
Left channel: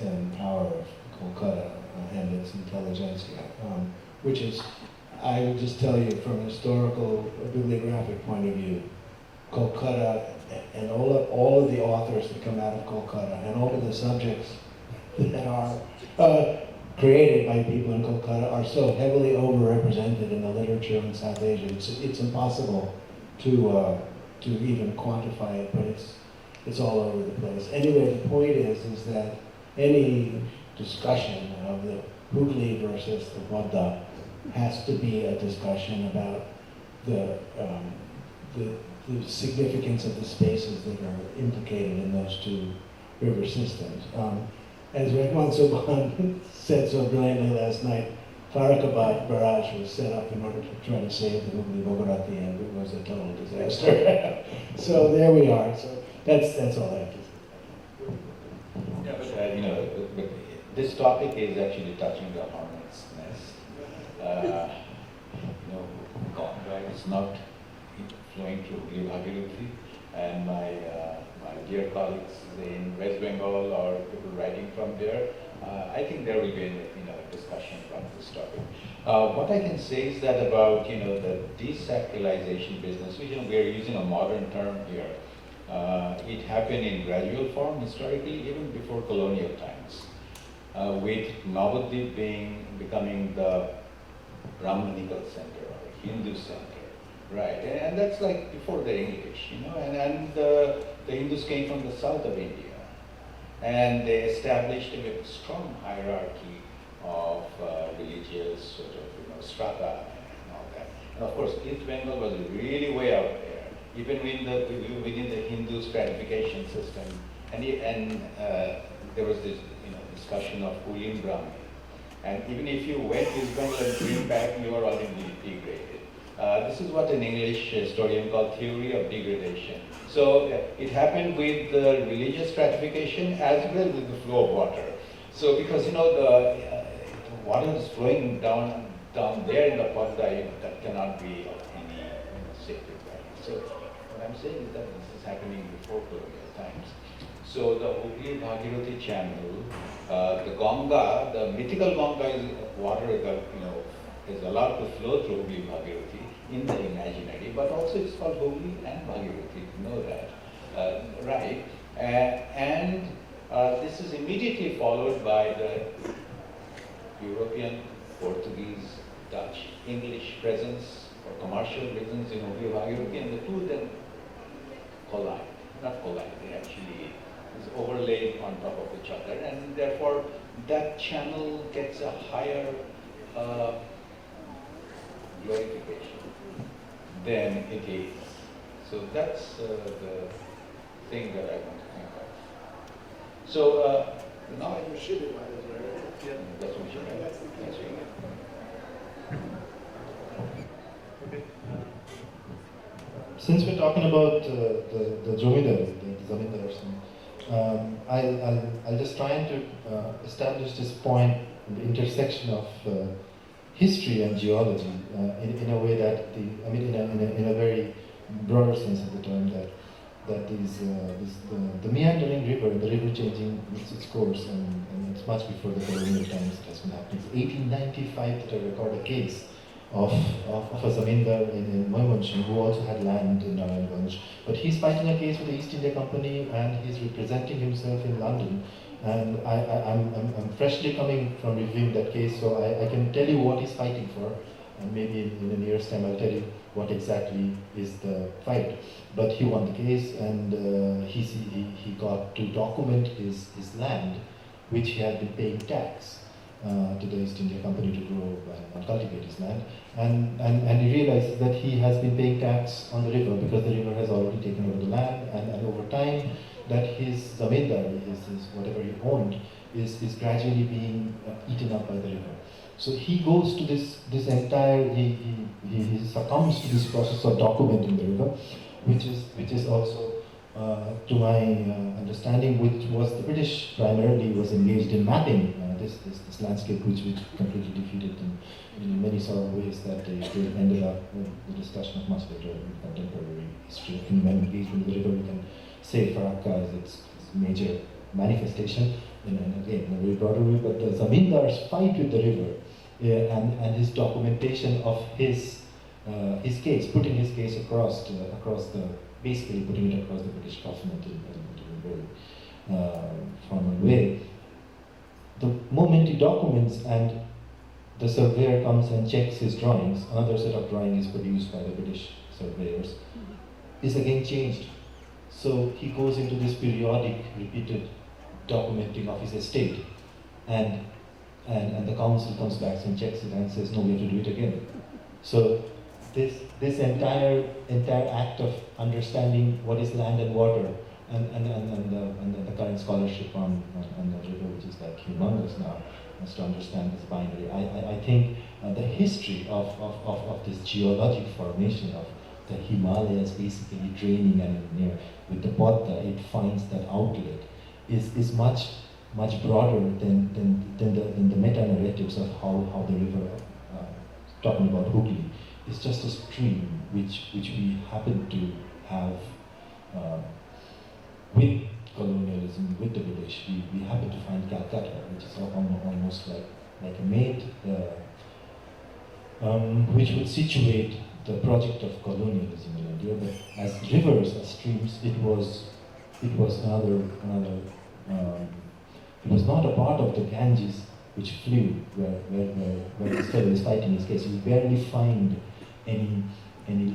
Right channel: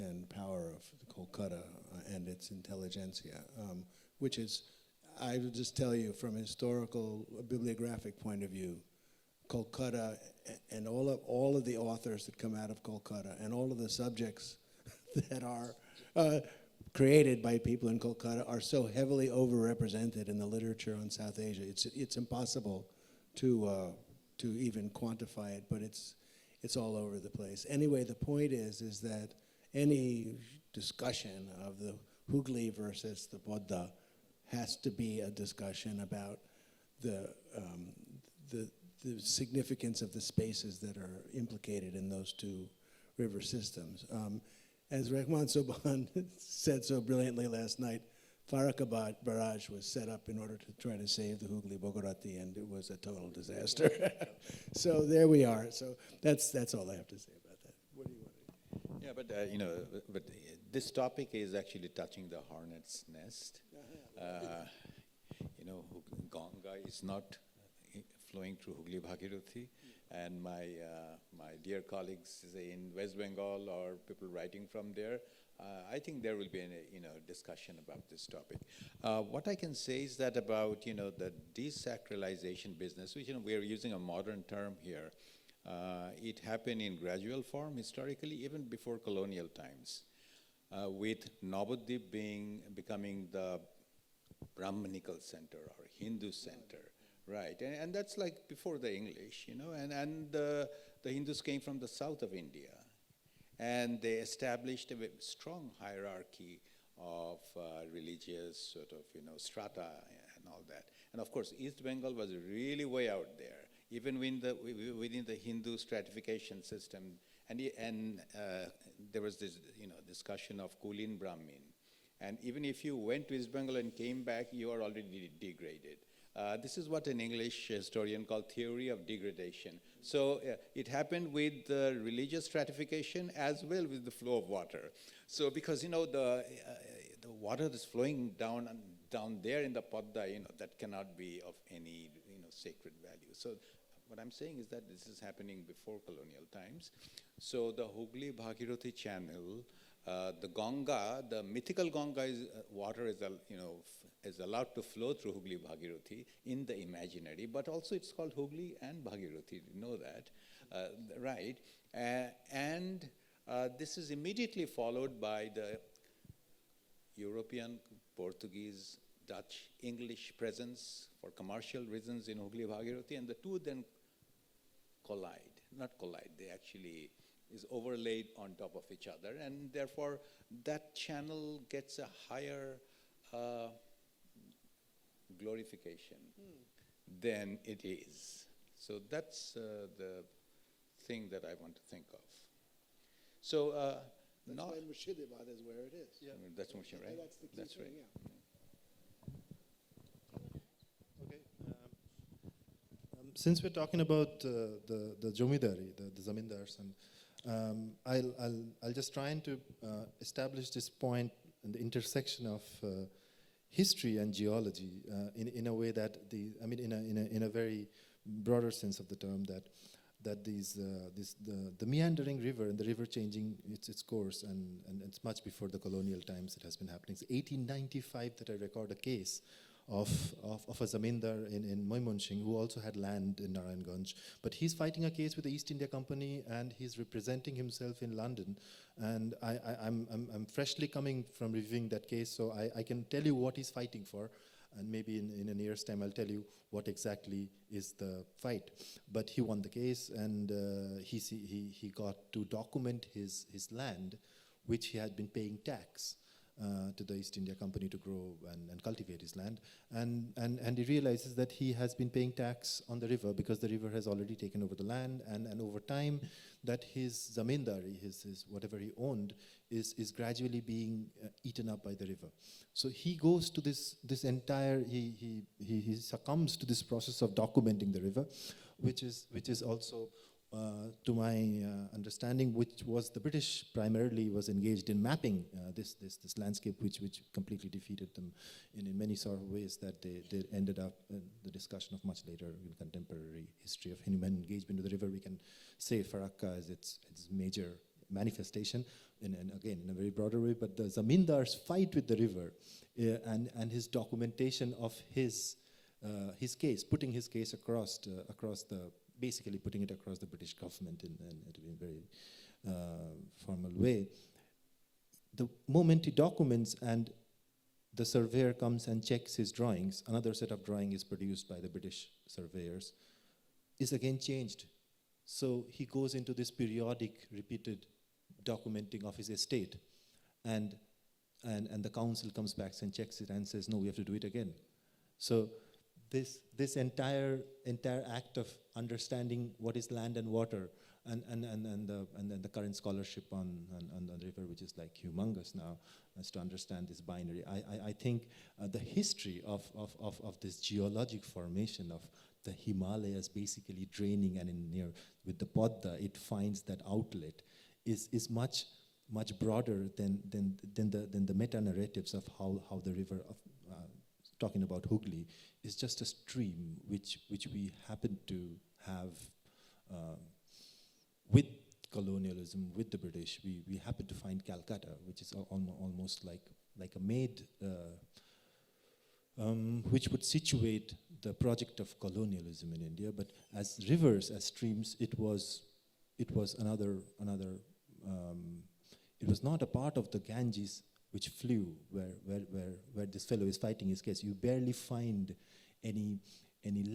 and power of Kolkata and its intelligentsia, which is, I will just tell you from a historical bibliographic point of view, Kolkata and all of the authors that come out of Kolkata and all of the subjects that are created by people in Kolkata are so heavily overrepresented in the literature in South Asia. It's impossible to even quantify it, but it's all over the place. Anyway, the point is that any discussion of the Hooghly versus the Buddha has to be a discussion about the significance of the spaces that are implicated in those two river systems. As Rahman Subhan said so brilliantly last night, Farakabad barrage was set up in order to try to save the Hooghly Bogorati, and it was a total disaster. So there we are. So that's all I have to say. Yeah, but this topic is actually touching the hornet's nest. Ganga is not flowing through Hooghly Bhagirathi, and my dear colleagues in West Bengal or people writing from there, I think there will be a discussion from this topic. What I can say is that about the desacralization business, which we are using a modern term here. It happened in gradual form historically, even before colonial times, with Navadvip becoming the Brahmanical center or Hindu center, right? And that's like before the English, and the Hindus came from the south of India, and they established a strong hierarchy of religious sort of strata and all that. And of course, East Bengal was really way out there, even within the Hindu stratification system, and there was this discussion of Ulim Brahmi. And even if you went to East Bengal and came back, you were already degraded. This is what an English historian called theory of degradation. So it happened with the religious stratification as well with the flow of water. So because the water is flowing down there in the Padma, that cannot be of any sacred value. So what I'm saying is that this is happening before colonial times. So the Hooghly Bhagirathi channel, the Ganga, the mythical Ganga is water that is allowed to flow through Hooghly Bhagirathi in the imaginary, but also it's called Hooghly and Bhagirathi, you know that, right? And this is immediately followed by the European, Portuguese, Dutch, English presence for commercial reasons in Hooghly Bhagirathi, and the two then collide, not collide, they actually is overlaid on top of each other, and therefore that channel gets a higher glorification than it is. So that's the thing that I want to think of. So now You should have right? that's what you meant. That's what you meant. Since we're talking about the Zamindars, I'll just try to establish this point in the intersection of history and geology in a way that in a very broader sense of the term, that the meandering river, the river changing its course, and it's much before the colonial times it has been happening. It's 1895 that I record a case of a zamindar in Moymonsin who also had land in Narayanganj. But he's fighting a case with the East India Company, and he's representing himself in London. And I'm freshly coming from reviewing that case, so I can tell you what he's fighting for, and maybe in a year's time I'll tell you what exactly is the fight. But he won the case, and he got to document his land, which he had been paying tax to the East India Company to grow and cultivate his land. And he realizes that he has been paying tax on the river because the river has already taken over the land, and over time that his zamindari, his whatever he owned, is gradually being eaten up by the river. So he goes to this entire, he succumbs to this process of documenting the river, which is also, to my understanding, which was the British primarily was engaged in mapping this landscape, which completely defeated them in many sort of ways that they ended up in the discussion of much later in contemporary history. In when engaged with the river, we can say Farakka as its major manifestation, and again, in a very broader way, but the Zamindar's fight with the river and his documentation of his case, putting his case across the, basically putting it across the British government in a very formal way. The moment he documents and the surveyor comes and checks his drawings, another set of drawings produced by the British surveyors, is again changed. So he goes into this periodic, repeated documenting of his estate, and the council comes back and checks it and says, no, we have to do it again. So this entire act of understanding what is land and water, and the current scholarship on the river, which is like humongous now, is to understand this binary. I think the history of this geologic formation of the Himalayas basically draining, and with the Bodha, it finds that outlet is much broader than the meta-narratives of how the river, talking about Hooghly, is just a stream which we happen to have with colonialism, with the British. We happen to find Calcutta, which is almost like a Made, which would situate the project of colonialism in India. But as rivers, as streams, it was another. It was not a part of the Ganges which flew, where the Syed is fighting his case. You barely find any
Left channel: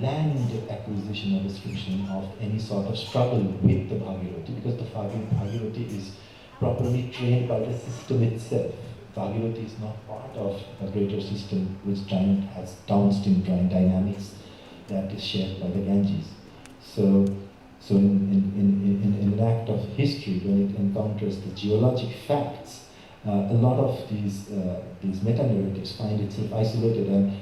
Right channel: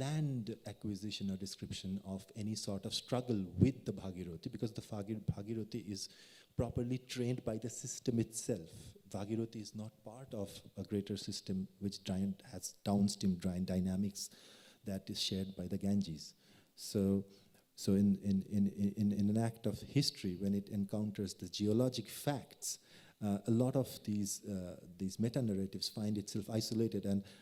land acquisition or description of any sort of struggle with the Bhagirathi, because the Bhagirathi is properly trained by the system itself. Bhagirathi is not part of a greater system which has downstream dynamics that is shared by the Ganges. So in an act of history, when it encounters the geologic facts, a lot of these meta-narratives find itself isolated. And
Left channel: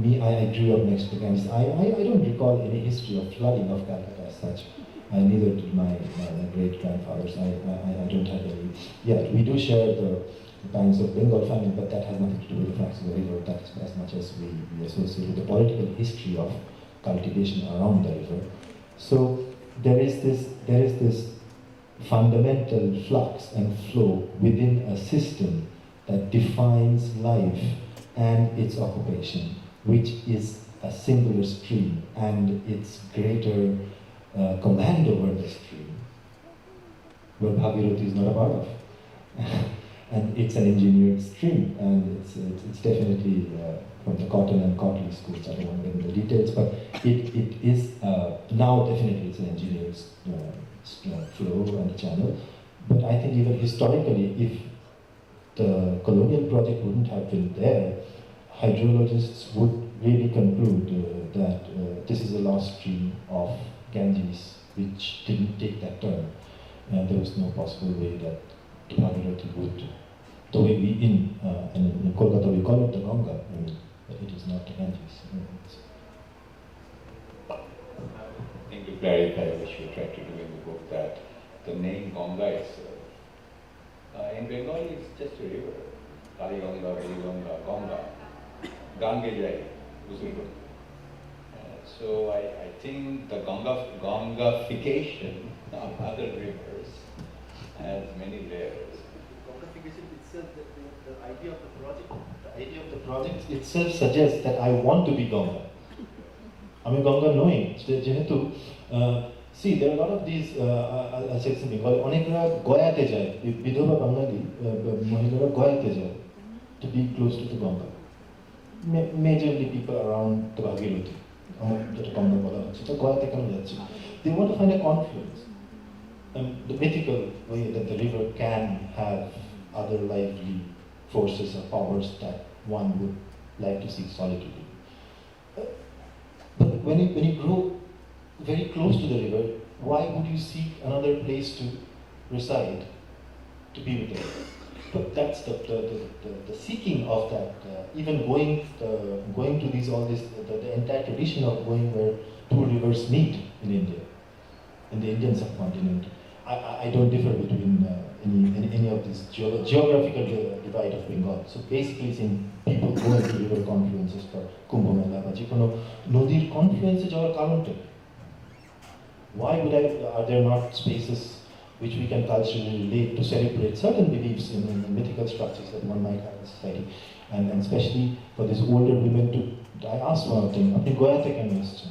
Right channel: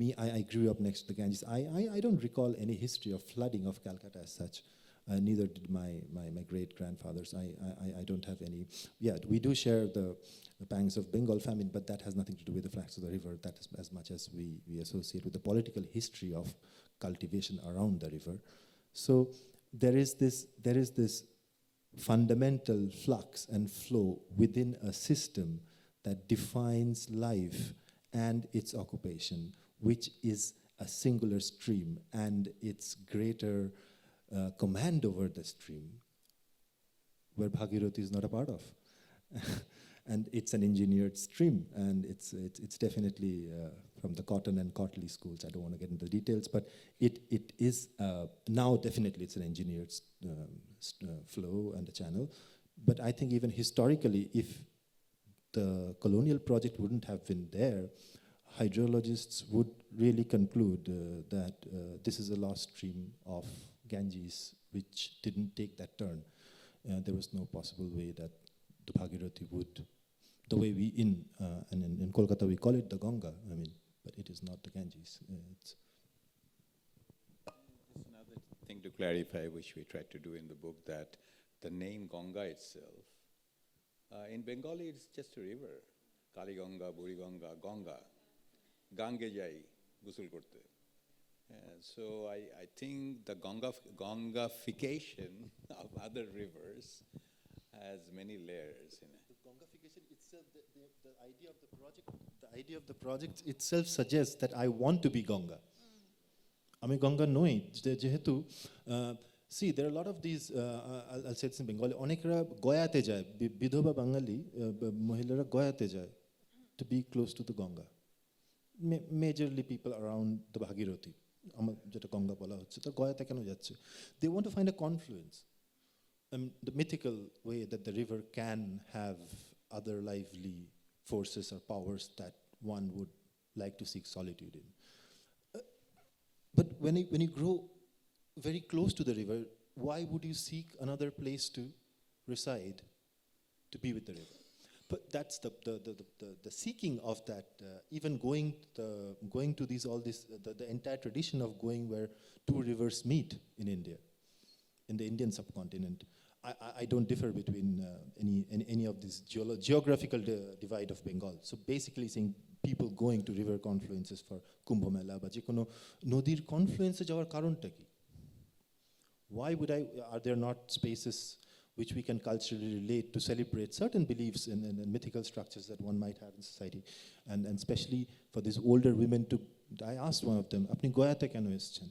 me, I grew up next to the Ganges. I don't recall any history of flooding of Calcutta as such. Neither did my great-grandfathers. I don't have any. Yeah, we do share the pangs of Bengal family, but that has nothing to do with the facts of the river. That's as much as we associate with the political history of cultivation around the river. So there is this fundamental flux and flow within a system that defines life and its occupation, which is a singular stream and its greater command over the stream, where Bhagirathi is not a part of. And it's an engineered stream, and it's definitely from the Cotton and Cotley schools. I don't want to get into details, but it is now definitely it's an engineered flow on the channel. But I think even historically, if the colonial project wouldn't have been there, hydrologists would really conclude that this is a lost stream of Ganges which didn't take that turn, and there was no possible way that the Bhagirathi would. The way we in Kolkata we call it the Ganga, but it is not the Ganges. I think to clarify what you tried to do in the book, that the name Ganga is in Bengali it's just a river. Kali Ganga, Veli Ganga, Ganga, Gange Jai, Usulpur. So I think the Gangification of other rivers has many layers. Gangification itself, the idea of the project itself suggests that I want to be Ganga. I mean, Ganga knowing. See, there are a lot of these, I'll say something, Onekra Goyate Jai, Vidova Bangali, Mohila Goyate Jai, to be close to the Ganga. Majorly people around the Bhagirathi, they want to find a confluence. The mythical way that the river can have other lively forces or powers that one would like to see solitude in. But when you grow very close to the river, why would you seek another place to reside, to be with them? But that's the seeking of that, even going to these, all this, the entire tradition of going where two rivers meet in India, in the Indian subcontinent. I don't differ between any of this geographical divide of Bengal. So basically, seeing people going to river confluences for Kumbh Mela, but Nodir confluences are current. Why are there not spaces which we can culturally relate to celebrate certain beliefs in mythical structures that one might have in society, and especially for these older women to, I asked one of them, আপনি গোয়াতে কেন এসেছেন?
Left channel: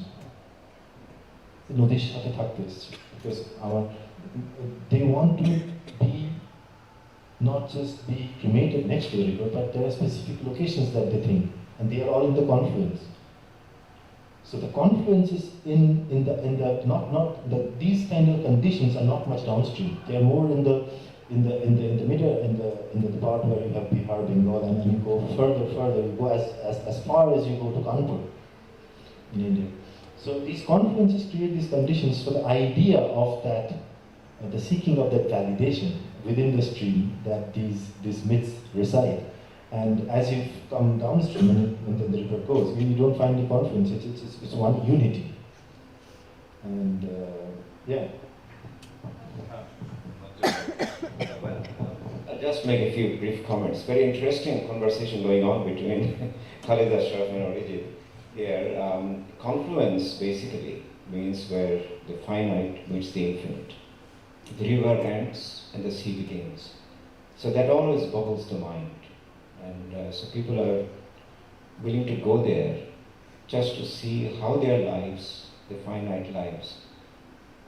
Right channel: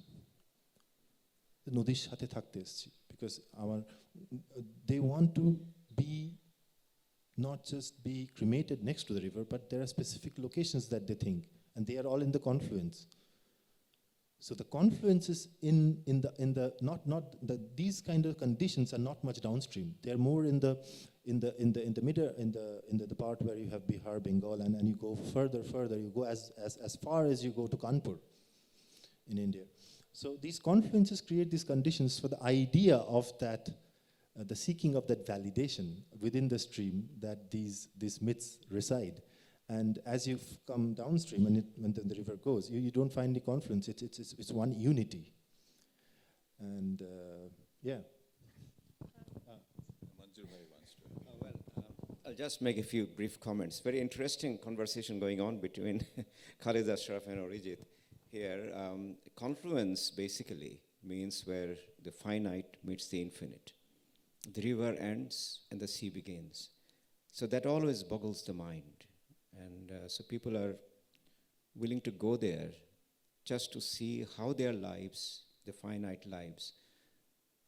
নদীর সাথে থাকতে এসেছে, because they want to be, not just be cremated next to the river, but there are specific locations that they think, and they are all in the confluence. So the confluence is these kind of conditions are not much downstream. They are more in the middle, in the part where you have Bihar, Bengal, and then you go further, you go as far as you go to Kanpur in India. So these confluences create these conditions for the idea of that, the seeking of that validation within the stream that these myths reside. And as you come downstream, when the river goes, you don't find the confluence, it's one unity. And yeah. I'll just make a few brief comments. Very interesting conversation going on between Khaleed Ashraf and Arijit here. Confluence basically means where the finite meets the infinite. The river ends and the sea begins. So that always boggles the mind. And so people are willing to go there just to see how their lives, their finite lives,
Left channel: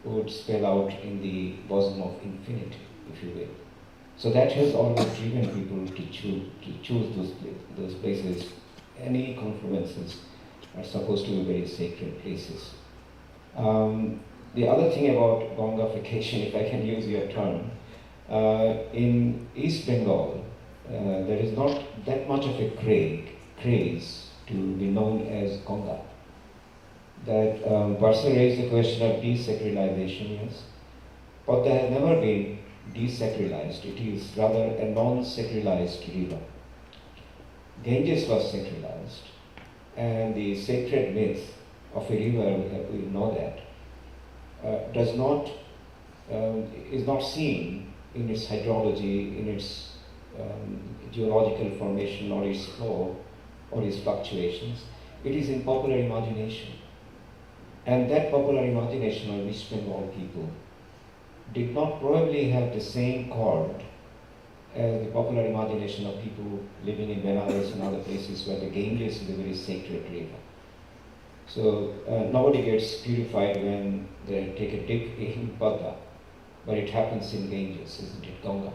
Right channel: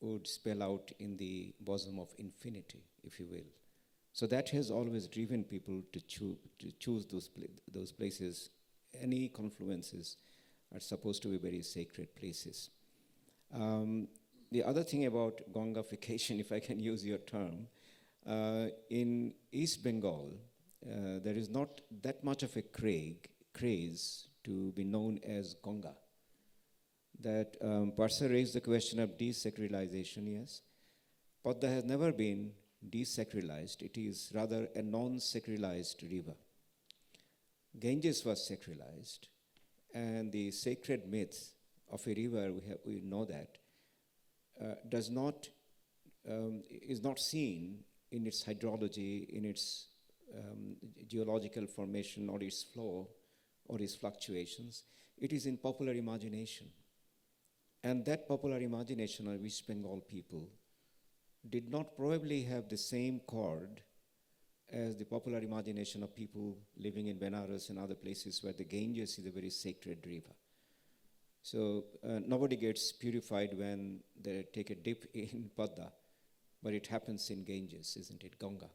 would spell out in the bosom of infinity, if you will. So that has always driven people to choose those places. Any confluences are supposed to be very sacred places. The other thing about Gongafrication, if I can use your term, in East Bengal, there is not that much of a craze to be known as Ganga. That Parsa raised the question of desacralization, yes, but they have never been desacralized. It is rather a non-sacralized river. Ganges was sacralized, and the sacred myth of a river, we know that, is not seen in its hydrology, in its geological formation, or its flow, or its fluctuations. It is in popular imagination. And that popular imagination of East Bengal people did not probably have the same chord as the popular imagination of people living in Benares and other places where the Ganges is a very sacred river. So nobody gets purified when they take a dip in Padma, where it happens in Ganges, isn't it, Ganga?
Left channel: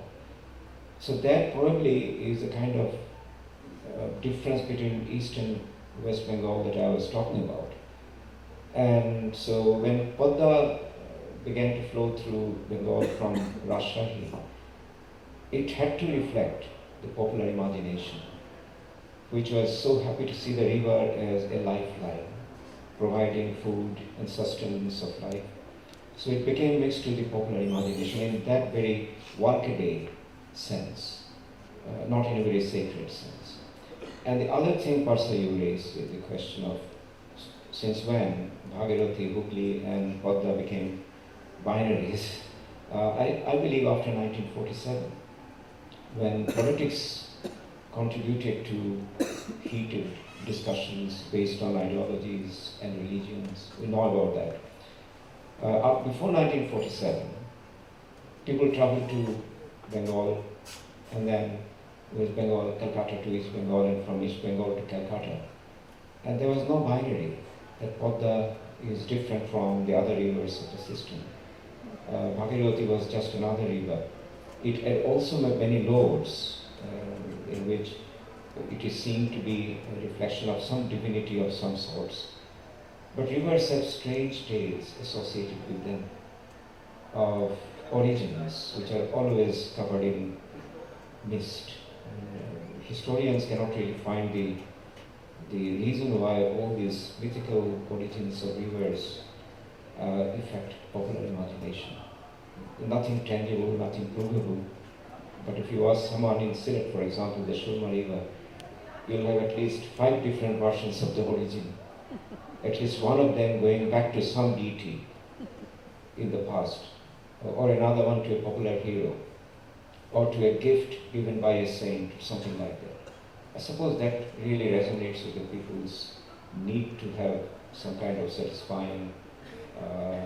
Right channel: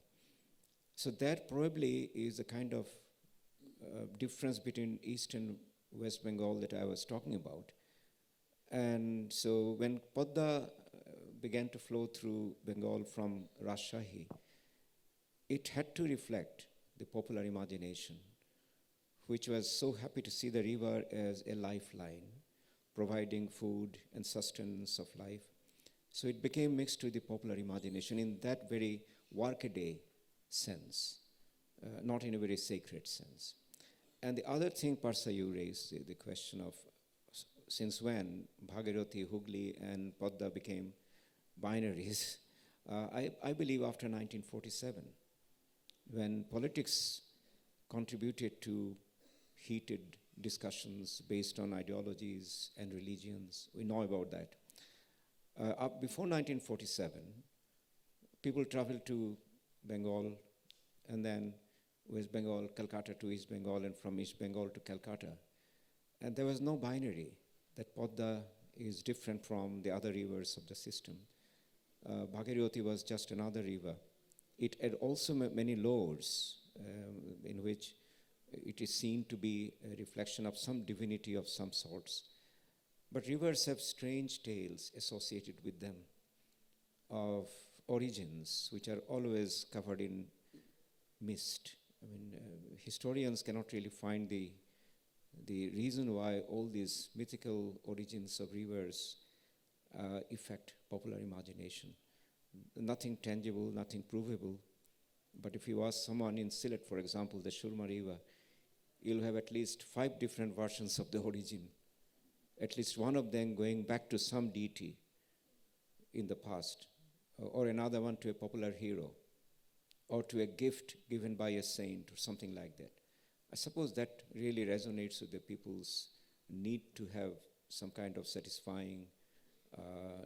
So that probably is the kind of difference between East and West Bengal that I was talking about. And so when Padma began to flow through Bengal from Rajshahi, it had to reflect the popular imagination, which was so happy to see the river as a lifeline, providing food and sustenance of life. So it became mixed to the popular imagination in that very workaday sense, not in a very sacred sense. And the other thing, Parsa, you raised with the question of since when Bhagirathi, Hooghly, and Padma became binaries. I believe after 1947, when politics contributed to heated discussions based on ideologies and religions. We know about that. Before 1947, people traveled to Bengal, and then West Bengal, Calcutta to East Bengal, and from East Bengal to Calcutta. And there was no binary that Padma is different from the other rivers of the system. Bhagirathi was just another river. It had also many lords in which it is seen to be a reflection of some divinity of some sorts. But rivers have strange tales associated with them of origins which are always covered in mist. Historians cannot really find the reason why all these mythical origins of rivers affect popular imagination. population. Nothing tangible, nothing provable. But if you ask someone in Syed, for example, the Shulma River, you'll have at least 5 different versions of the origin. At least one of them going back to some deity in the past, or another one to a popular hero, or to a gift given by a saint, something like that. I suppose that really resonates with the people's need to have some kind of satisfying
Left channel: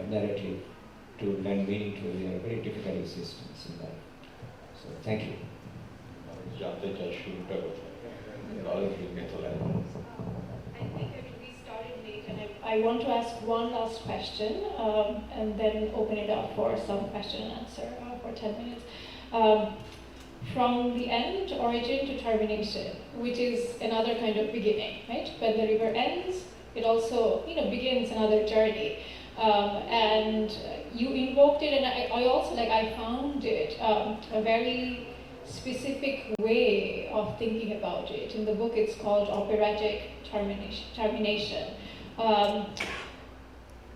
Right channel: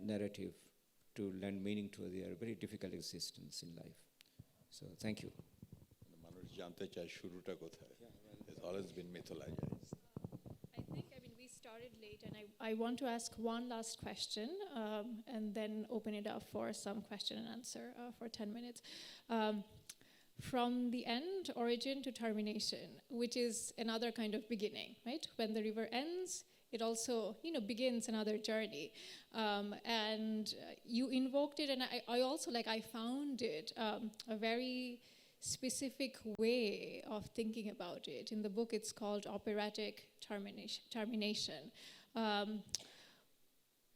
narrative to lend meaning to their very difficult existence in life. So, thank you. I think we started late, and I want to ask one last question, and then open it up for some question and answer for 10 minutes. From the end, origin to termination, which is another kind of beginning, right? When the river ends, it also, begins another journey. And you invoked it, and I also, I found it a very specific way of thinking about it. In the book, it's called operatic termination.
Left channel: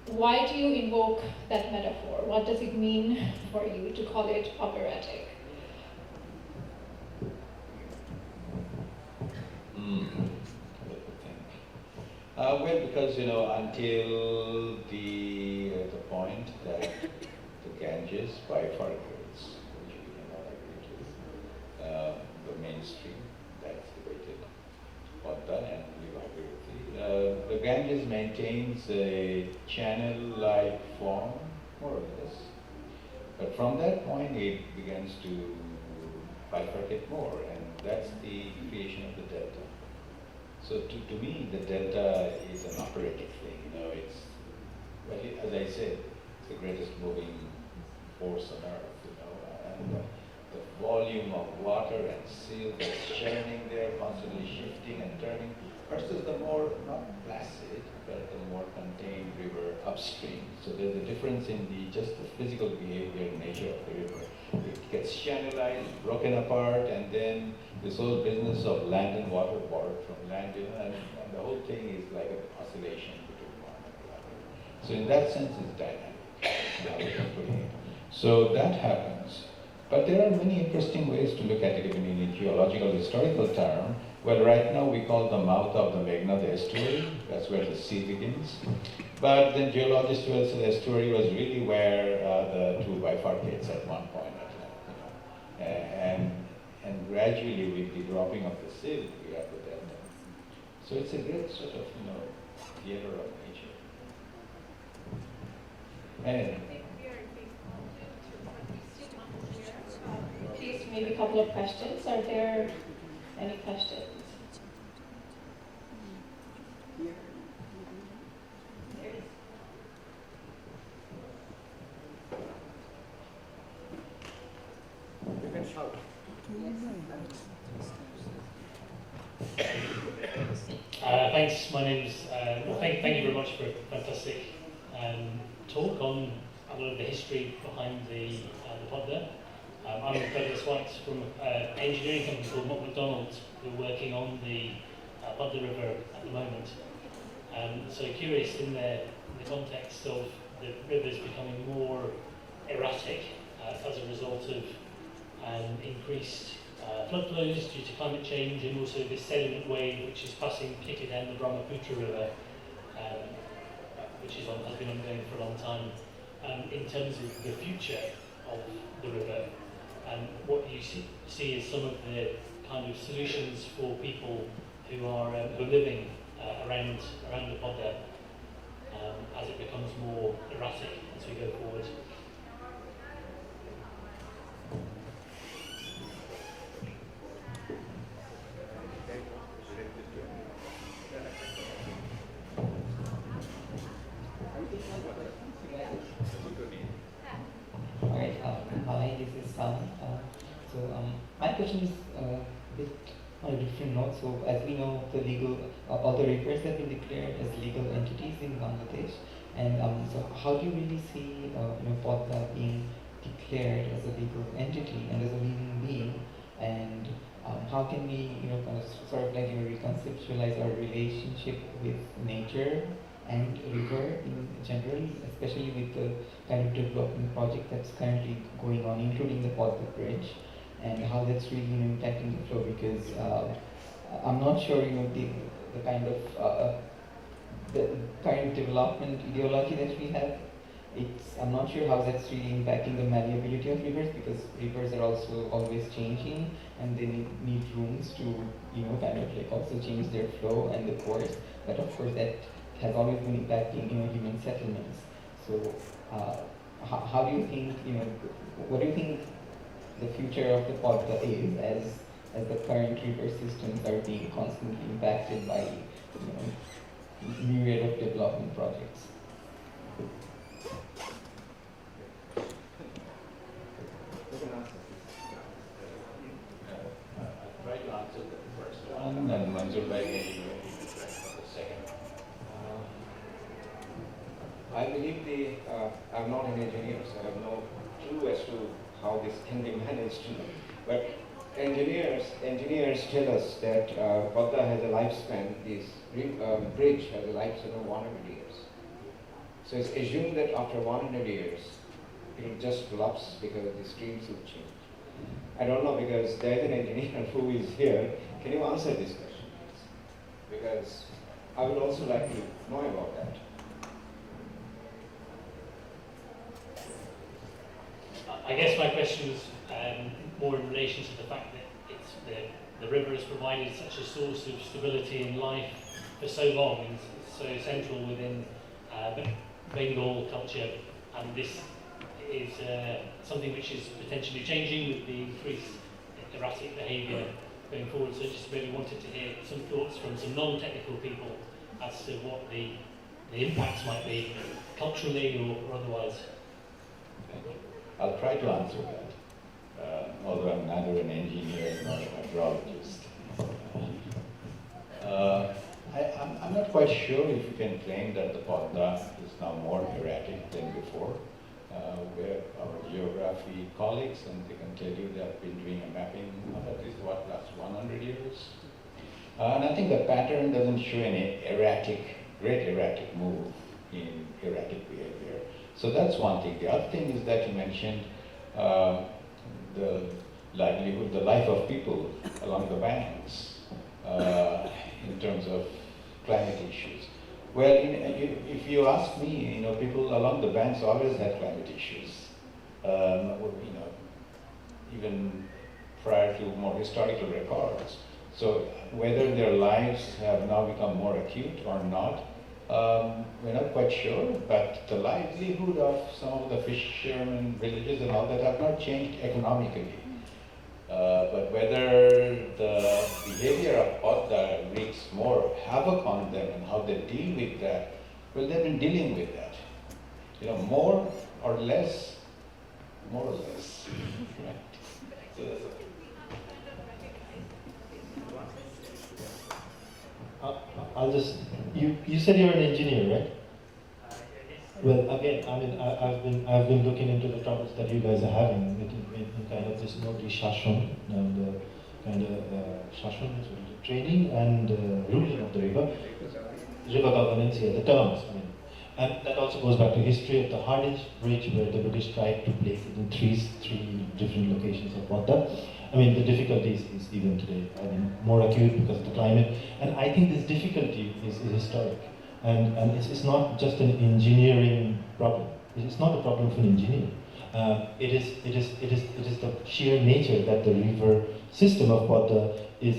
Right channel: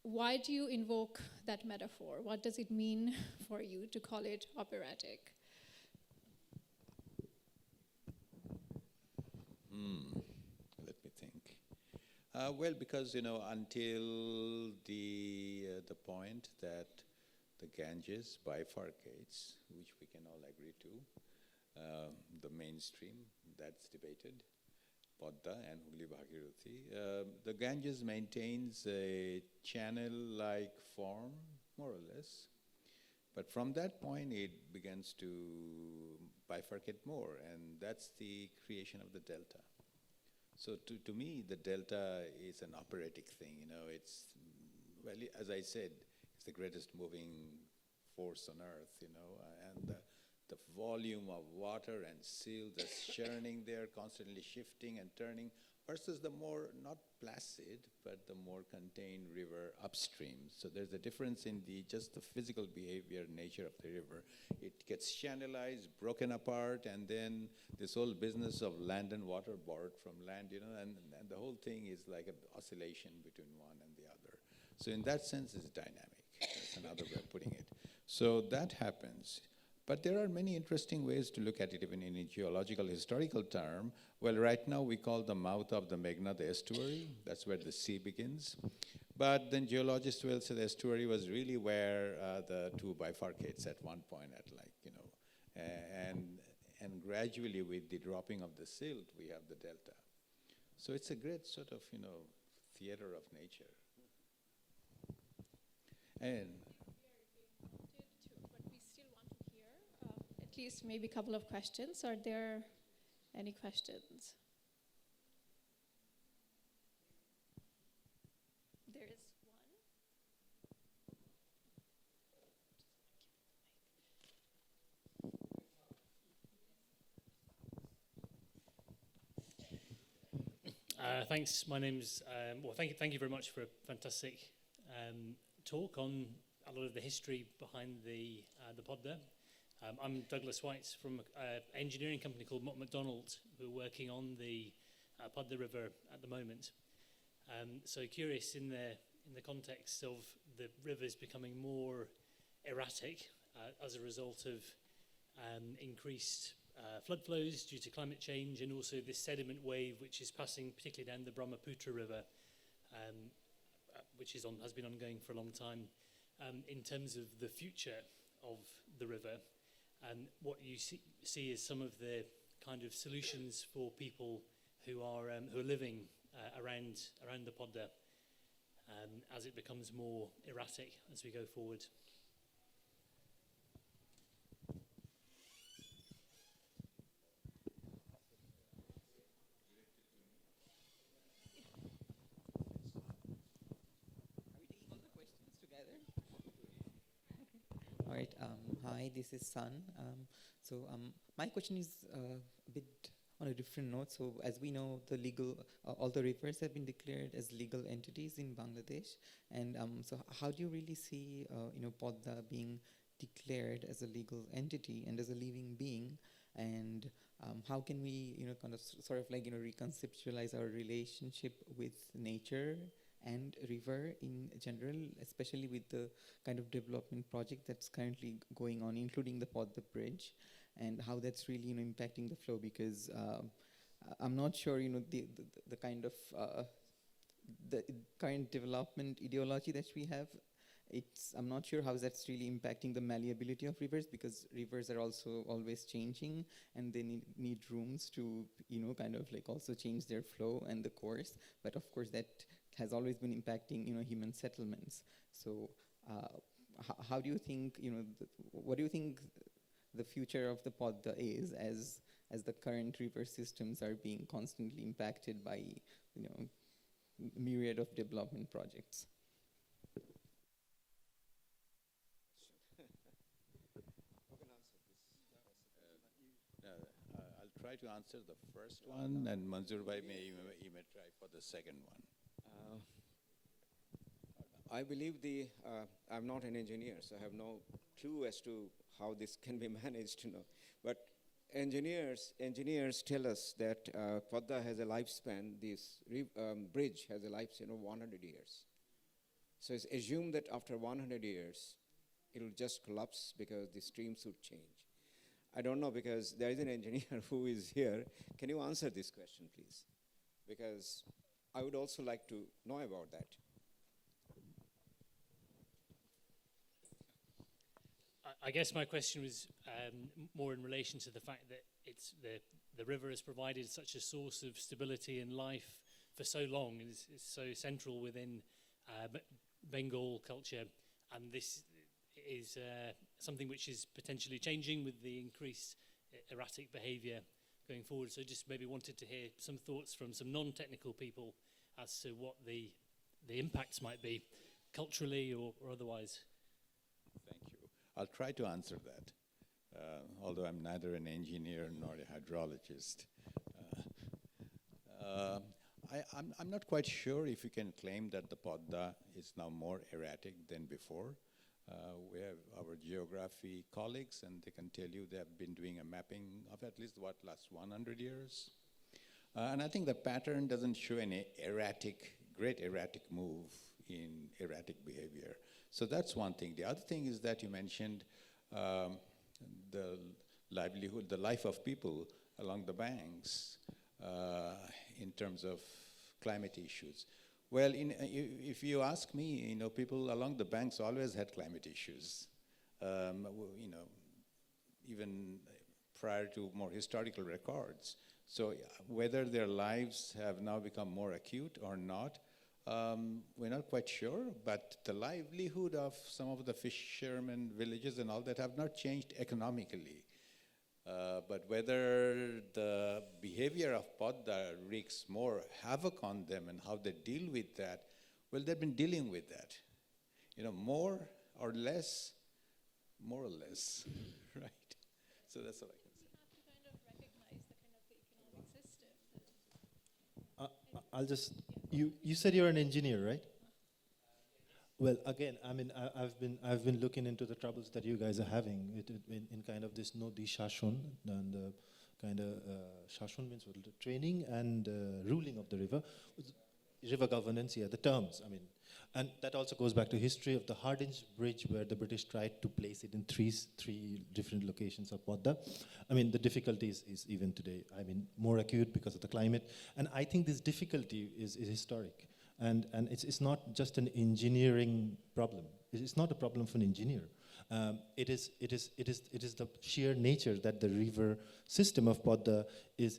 Why do you invoke that metaphor? What does it mean for you to call it operatic? Well, because until the point that the Ganges bifurcates, which we cannot agree to, the mainstream, that's debated, Padma and Vivagriti. The Ganges maintains a channel-like form, more or less, but from that point it begins to bifurcate more, and that's the creation of the delta. So to me, the delta is an operatic thing. It's, well, as I said, it's the greatest moving force on earth. And the volume of water and silt that's churning there, constantly shifting and turning, versus the more, not placid, but the more contained river upstream. So there's a difference in just the physical behavior and nature of the river. It gets channelized, broken apart, and then this whole business of land and water, water from land, and the whole thing is like an oscillation between one and the other. So in that sense, it's dynamic. So that happens. But there are many interesting ways to look at it, even in a geological historical term. Well, right now we call the mouth of the Meghna the estuary. That's where the sea begins. But then geologists will say the estuary was really where the two bifurcates at one point. And gradually with the dropping of the silt, we have the delta. So it's a great sort of, theater of nature. And at least maybe a couple of questions. Are there any questions? Thanks. My name's thank you very much for a fantastic talk on a lot of the history behind the Padma. I'm Douglas White from an engineering company called McDonald. We're working on the Padma River at the moment. So curious in the context of the rivers becoming more erratic as a result of increased flood flows due to climate change, and also this sediment wave which is passing thicker down the Brahmaputra River, which has been ongoing for a long time. In terms of the future of the river, and what you see as some of the kind of solutions for people who are living around the Padma as it becomes more erratic as we go forward. Hi, this is Sam. My question is a bit on a different note. So, as we know, all the rivers have been declared as legal entities in Bangladesh. And so, how do you really see Padma being declared as a legal entity and as a living being? And how can we, sort of like reconceptualize our relationship with nature and river in general, especially with the kind of development project that's currently going on, including the Parsa Bridge, and how that's really impacting the flow, because I'm not sure, the kind of the current development ideology that we have. I'm not sure how that's really impacting the malleability of rivers, because rivers are also always changing, and they need rooms to, kind of like also change their flow and the course. But of course, that has always been impacting, human settlements. So, how do you think, what do you think the future of the Parsa is, as the current river systems are being constantly impacted by, myriad of development projects? I'll try to answer the first one, and Manzoorul maybe try for the second. I believe I'm not an engineer, so I have no clue as to how this can be managed. But engineers tell us that Padma has a lifespan, this bridge has a lifespan of 100 years. So it's assumed that after 100 years, it will just collapse because the streams will change. I don't know, because there is an engineer who is here. Can you answer this question, please? Because I would also like to know about that. I guess my question was more in relation to the fact that the river has provided such a source of stability in life for so long, and it's so central within Bengal culture, and this is something which is potentially changing with the increased erratic behaviour going forward. So I just really wanted to hear some thoughts from some non-technical people as to what the impacts might be culturally or otherwise. I'll try to answer that, although I'm neither an engineer nor a hydrologist. I'm not quite sure if you can claim that the Padma is now more erratic than before. Where our geography colleagues, and they can tell you they have been doing a mapping of at least last 100 years. And I think the pattern doesn't show any great erratic move in erratic behavior. So that's one thing. The other thing is that you mentioned the livelihood, the life of people along the banks in terms of climate issues. Well, if you ask me, people along the banks always had climate issues. Even prior to more historical records. So whether their lives have now become more acute or not, we're not quite sure, but the livelihood of some of the fishermen villages and all that have not changed economically. But whether the behavior of Padma wreaks more havoc on them and how they deal with that, well, they've been dealing with that. More or less, more or less. Right? So that's okay. I'll just, you said you're an engineer, right? Well, again, I've been looking into the troubles that you guys are having in kind of this Nobody Shashon and kind of Shashon, training and ruling of the river governance here, the terms. And that also goes back to history of the Hardage Bridge, where the British tried to place it in three different locations of water. The difficulty is even today. More acute because of the climate. And I think this difficulty is historic. And it's not just an engineering problem. It's not a problem for an engineer. It is the sheer nature that the river system of water is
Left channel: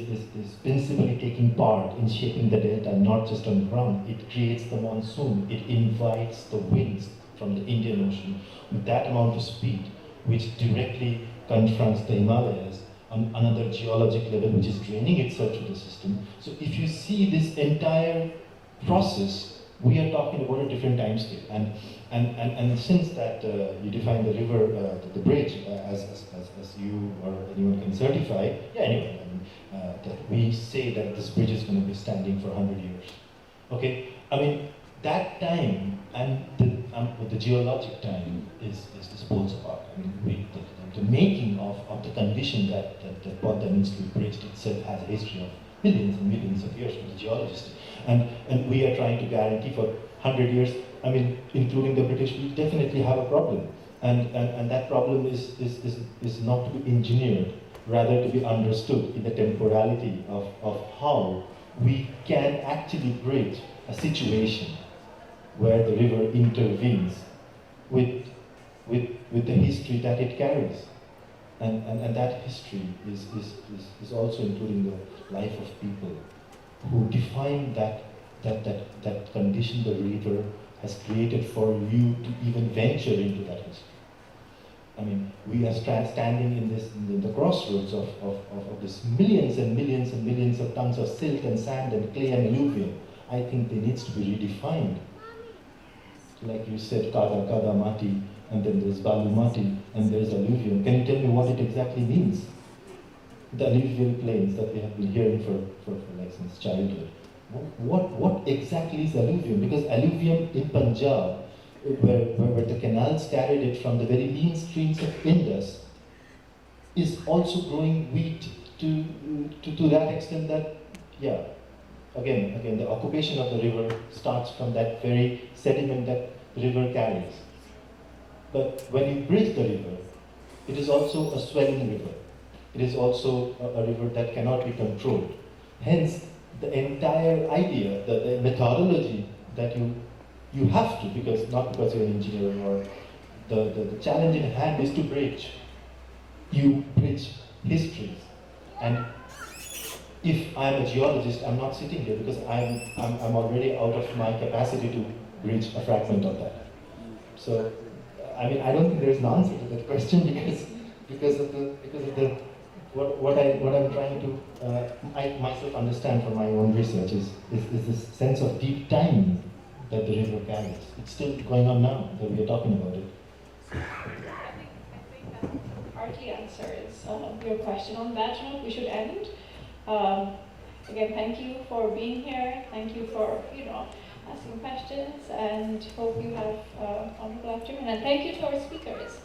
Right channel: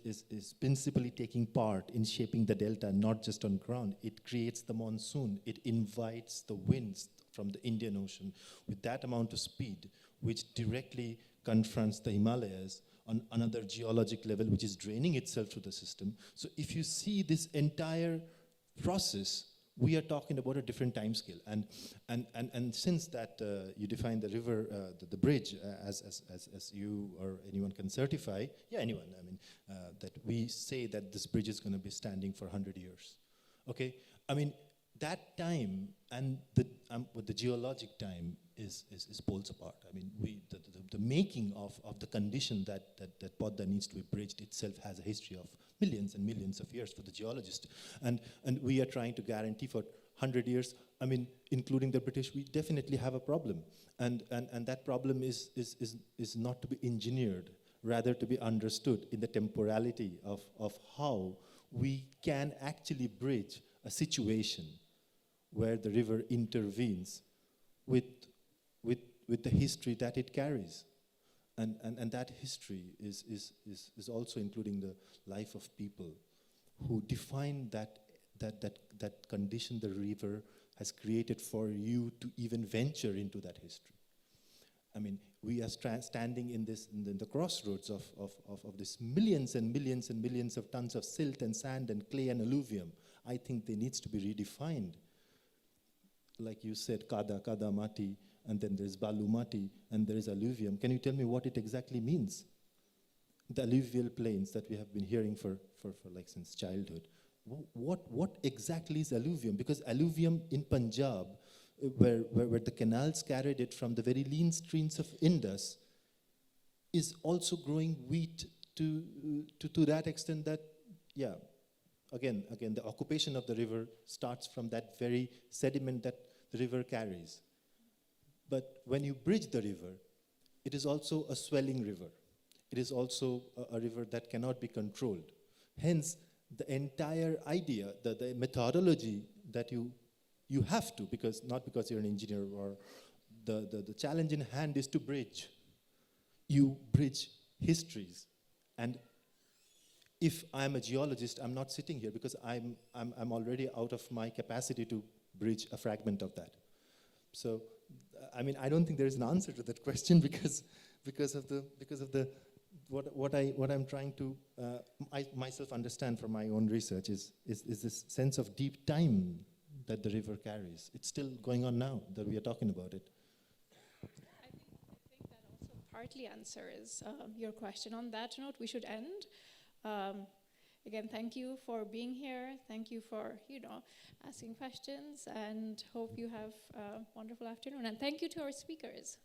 principally taking part in shaping the delta, not just on ground. It creates the monsoon. It invites the winds from the Indian Ocean with that amount of speed, which directly confronts the Himalayas on another geologic level, which is draining itself to the system. So if you see this entire process, we are talking about a different time scale. And since that you define the river, the bridge, as you or anyone can certify, yeah, anyway, that we say that this bridge is going to be standing for 100 years. Okay, that time and the geologic time is poles apart. The making of the condition that Padma means to be bridged itself has a history of millions and millions of years for the geologists. And we are trying to guarantee for 100 years, I mean, including the British, we definitely have a problem. And that problem is not to be engineered, rather to be understood in the temporality of how we can actually bridge a situation where the river intervenes with the history that it carries. And that history is also including the life of people who define that condition the river has created for you to even venture into that history. I mean, we are standing in the crossroads of this millions and millions and millions of tons of silt and sand and clay and alluvium. I think it needs to be redefined. Like you said, kada mati, and then there's balu mati, and there's alluvium. Can you tell me what it exactly means? The alluvial plains that we have been hearing for like since childhood. What exactly is alluvium? Because alluvium in Punjab, where the canals carried it from the very lean streams of Indus, is also growing wheat to that extent that, yeah, again, the occupation of the river starts from that very sediment that the river carries. But when you bridge the river, it is also a swelling river. It is also a river that cannot be controlled. Hence, the entire idea, the methodology that you have to, not because you're an engineer, or the challenge in hand is to bridge. You bridge histories. And if I'm a geologist, I'm not sitting here because I'm already out of my capacity to bridge a fragment of that. So, I mean, I don't think there's an answer to that question because of what I'm trying to I myself understand from my own research is this sense of deep time that the river carries. It's still going on now that we are talking about it. I think that partly answers your question. On that note, we should end. Again, thank you for being here. Thank you for asking questions, and hope you have a wonderful afternoon. And thank you to our speakers.